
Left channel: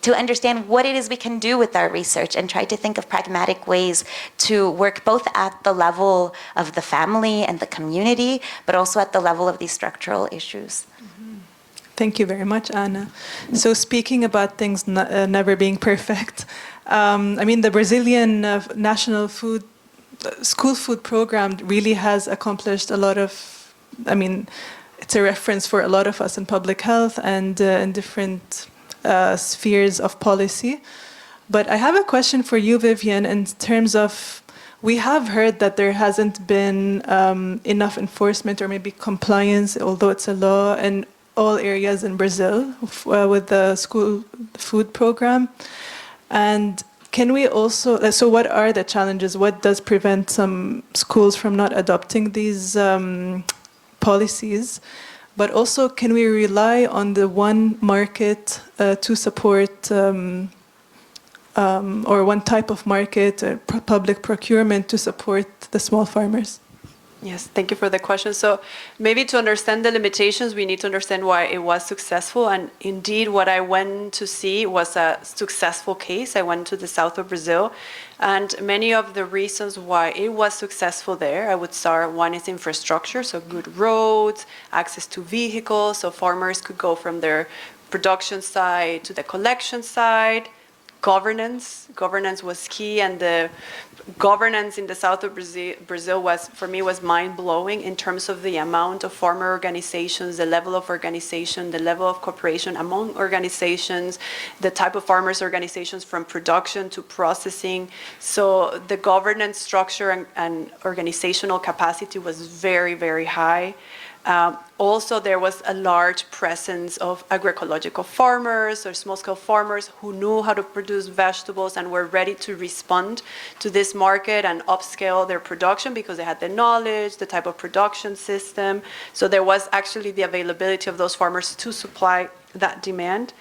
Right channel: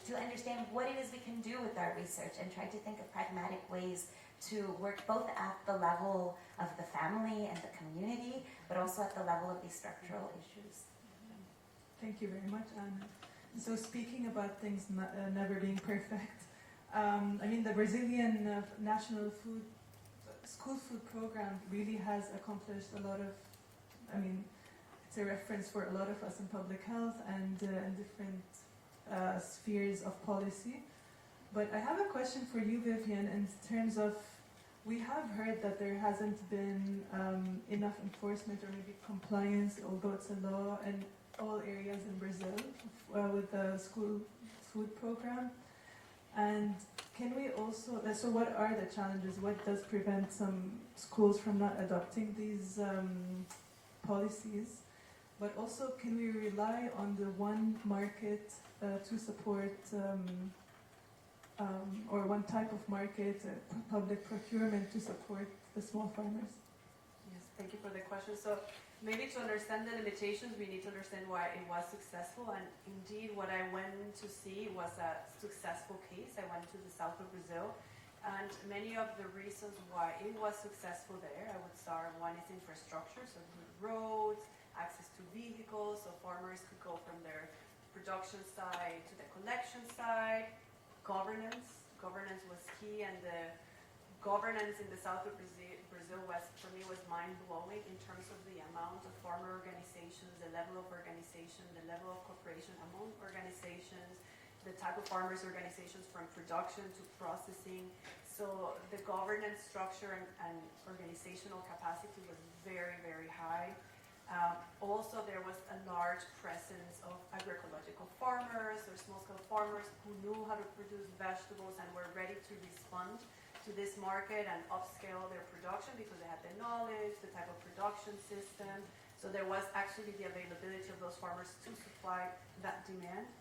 to understand what it is we can do with our research and try to think of pragmatic ways to work both at the level of the family and the community, but also at the level of these structural issues. Thank you very much, Anna. So speaking about things never being perfect, the Brazilian national school food program really has accomplished a lot of, it's a reference for a lot of us in public health and in different spheres of policy. But I have a question for you, Vivian, in terms of, we have heard that there hasn't been enough enforcement or maybe compliance, although it's a law, in all areas in Brazil with the school food program. And can we also, so what are the challenges? What does prevent some schools from not adopting these policies? But also, can we rely on the one market to support, or one type of market, public procurement to support the small farmers? Yes, thank you for the question. So maybe to understand the limitations, we need to understand why it was successful. And indeed, what I went to see was a successful case. I went to the south of Brazil. And many of the reasons why it was successful there, I would start, one is infrastructure, so good roads, access to vehicles, so farmers could go from their production side to the collection side. Governance was key, and the governance in the south of Brazil was, for me, was mind-blowing in terms of the amount of farmer organizations, the level of organization, the level of cooperation among organizations, the type of farmers organizations from production to processing. So the governance structure and organizational capacity was very, very high. Also, there was a large presence of agroecological farmers or small-scale farmers who knew how to produce vegetables and were ready to respond to this market and upscale their production because they had the knowledge, the type of production system. So there was actually the availability of those farmers to supply that demand.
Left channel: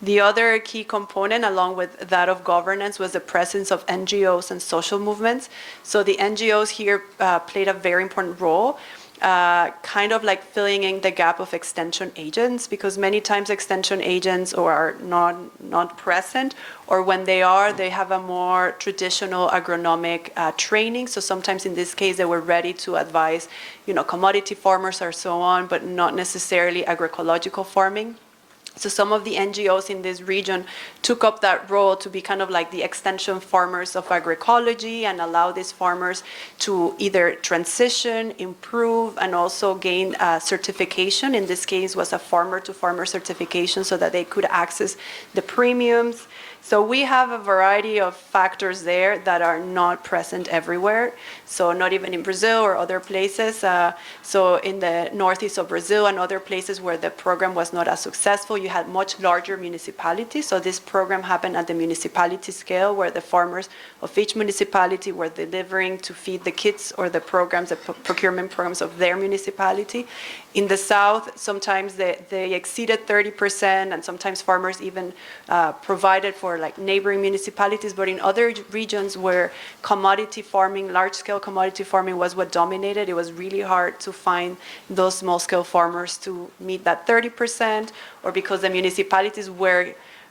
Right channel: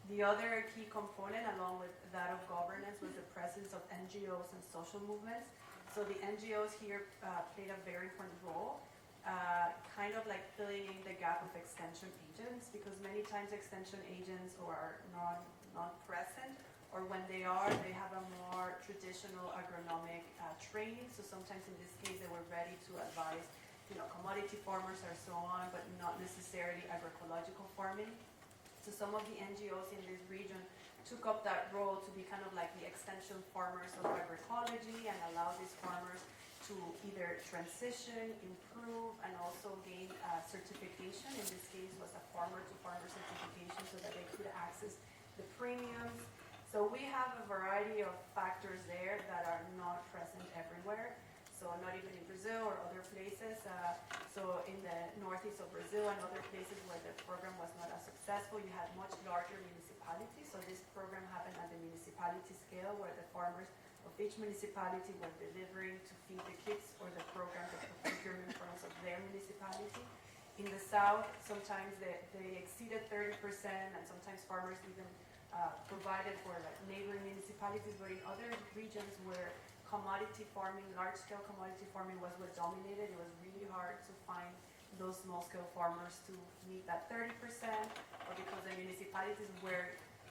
The other key component, along with that of governance, was the presence of NGOs and social movements. So the NGOs here played a very important role. Kind of like filling in the gap of extension agents, because many times extension agents are not present, or when they are, they have a more traditional agronomic training. So sometimes in this case, they were ready to advise, commodity farmers or so on, but not necessarily agroecological farming. So some of the NGOs in this region took up that role to be kind of like the extension farmers of agroecology and allow these farmers to either transition, improve, and also gain certification. In this case was a farmer-to-farmer certification so that they could access the premiums. So we have a variety of factors there that are not present everywhere. So not even in Brazil or other places. So in the northeast of Brazil and other places where the program was not as successful, you had much larger municipalities. So this program happened at the municipality scale where the farmers of each municipality were delivering to feed the kids or the programs, the procurement programs of their municipality. In the south, sometimes they exceeded 30%, and sometimes farmers even provided for like neighboring municipalities. But in other regions where commodity farming, large-scale commodity farming was what dominated, it was really hard to find those small-scale farmers to meet that 30%, or because the municipalities were,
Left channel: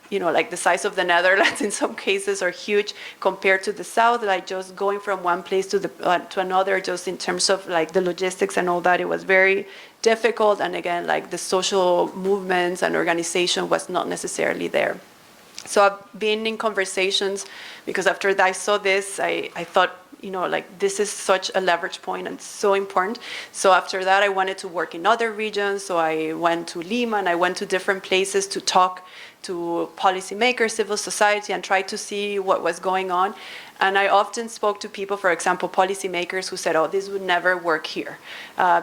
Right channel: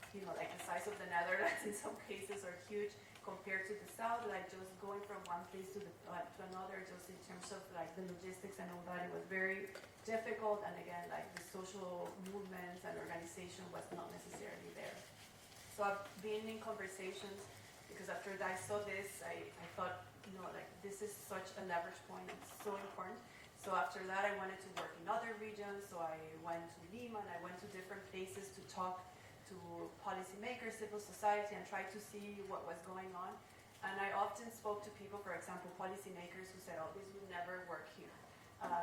you know, like the size of the Netherlands in some cases are huge compared to the south, like just going from one place to to another, just in terms of like the logistics and all that, it was very difficult. And again, like the social movements and organization was not necessarily there. So I've been in conversations because after I saw this, I thought, you know, like this is such a leverage point and so important. So after that, I wanted to work in other regions. So I went to Lima and I went to different places to talk to policymakers, civil society, and try to see what was going on. And I often spoke to people, for example, policymakers who said, oh, this would never work here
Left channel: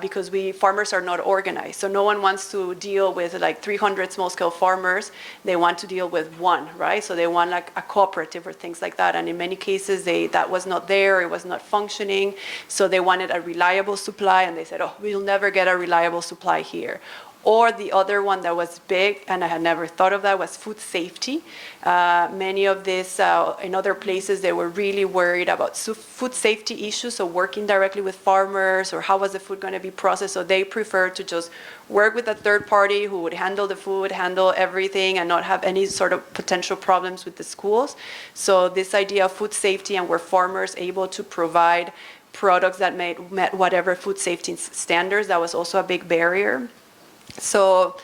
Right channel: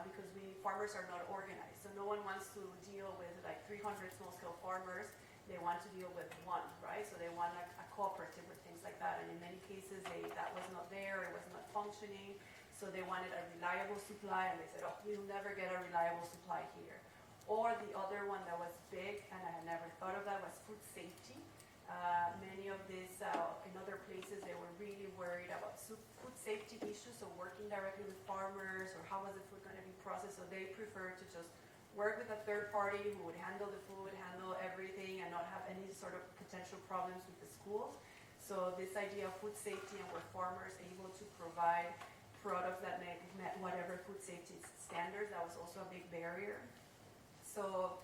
because farmers are not organized. So no one wants to deal with like 300 small-scale farmers. They want to deal with one, right? So they want like a cooperative or things like that. And in many cases, that was not there. It was not functioning. So they wanted a reliable supply. And they said, oh, we'll never get a reliable supply here. Or the other one that was big, and I had never thought of that, was food safety. Many of these, in other places, they were really worried about food safety issues, so working directly with farmers, or how was the food going to be processed. So they preferred to just work with a third party who would handle the food, handle everything, and not have any sort of potential problems with the schools. So this idea of food safety, and were farmers able to provide products that met whatever food safety standards, that was also a big barrier. So,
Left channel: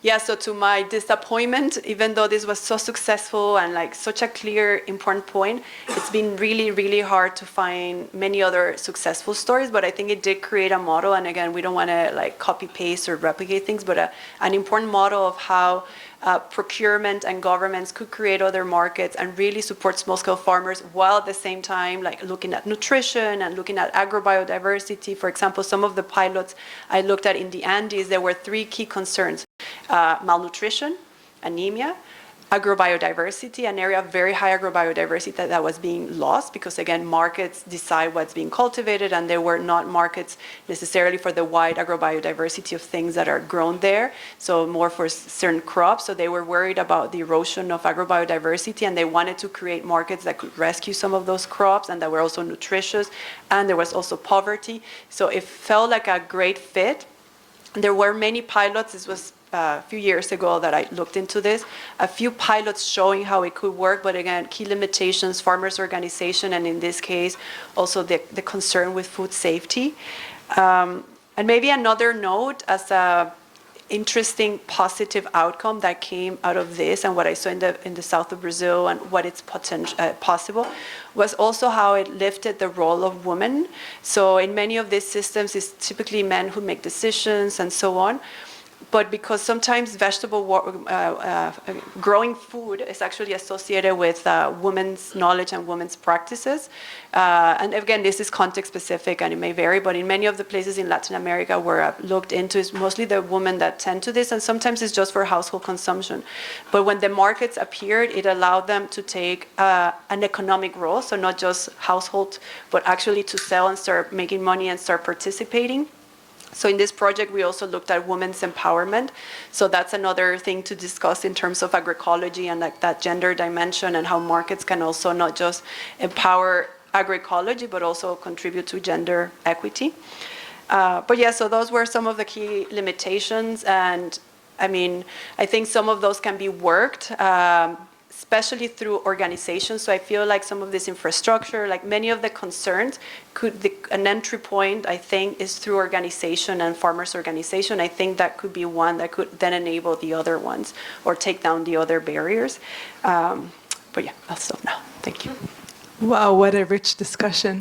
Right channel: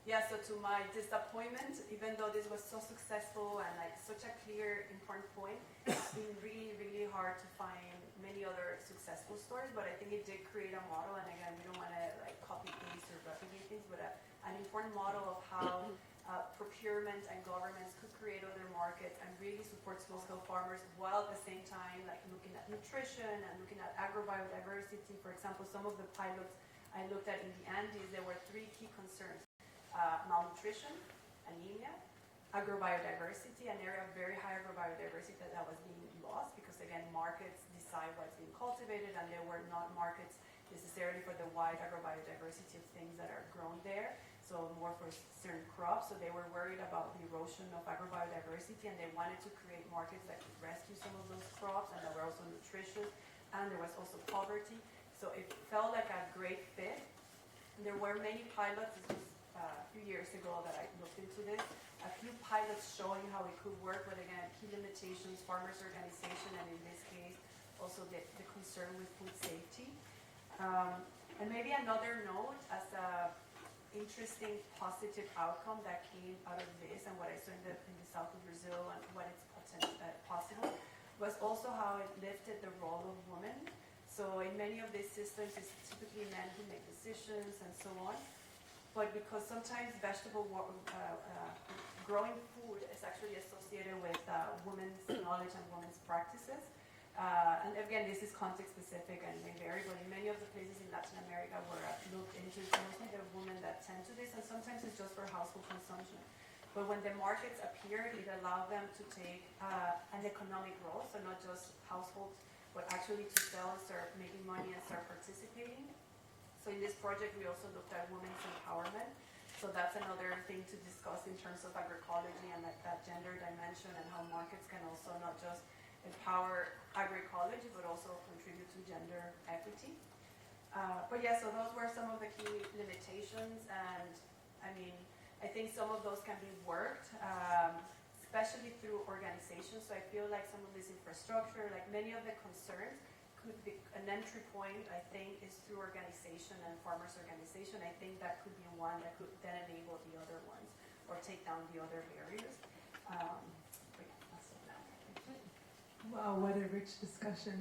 yeah, so to my disappointment, even though this was so successful and like such a clear, important point, it's been really, really hard to find many other successful stories, but I think it did create a model. And again, we don't want to like copy paste or replicate things, but an important model of how procurement and governments could create other markets and really support small-scale farmers while at the same time like looking at nutrition and looking at agrobiodiversity. For example, some of the pilots I looked at in the Andes, there were 3 key concerns: malnutrition, anemia, agrobiodiversity, an area of very high agrobiodiversity that was being lost because, again, markets decide what's being cultivated, and there were not markets necessarily for the wide agrobiodiversity of things that are grown there, so more for certain crops. So they were worried about the erosion of agrobiodiversity, and they wanted to create markets that could rescue some of those crops and that were also nutritious, and there was also poverty. So it felt like a great fit. There were many pilots. This was a few years ago that I looked into this, a few pilots showing how it could work, but again, key limitations, farmers' organization, and in this case, also the concern with food safety. And maybe another note as a interesting positive outcome that came out of this and what I saw in the south of Brazil and what it's possible was also how it lifted the role of women. So in many of these systems, it's typically men who make decisions and so on. But because sometimes growing food is actually associated with women's knowledge and women's practices. And again, this is context specific and it may vary, but in many of the places in Latin America where I've looked into, it's mostly the women that tend to this, and sometimes it's just for household consumption. But when the markets appeared, it allowed them to take an economic role, so not just household, but actually to sell and start making money and start participating. So in this project, we also looked at women's empowerment. So that's another thing to discuss in terms of agroecology and like that gender dimension and how markets can also not just empower agroecology, but also contribute to gender equity. But yeah, so those were some of the key limitations. And I mean, I think some of those can be worked. especially through organizations. So I feel like some of this infrastructure, like many of the concerns, an entry point, I think, is through organization and farmers' organization. I think that could be one that could then enable the other ones or take down the other barriers. But yeah, I'll stop now. Thank you. Wow, what a rich discussion.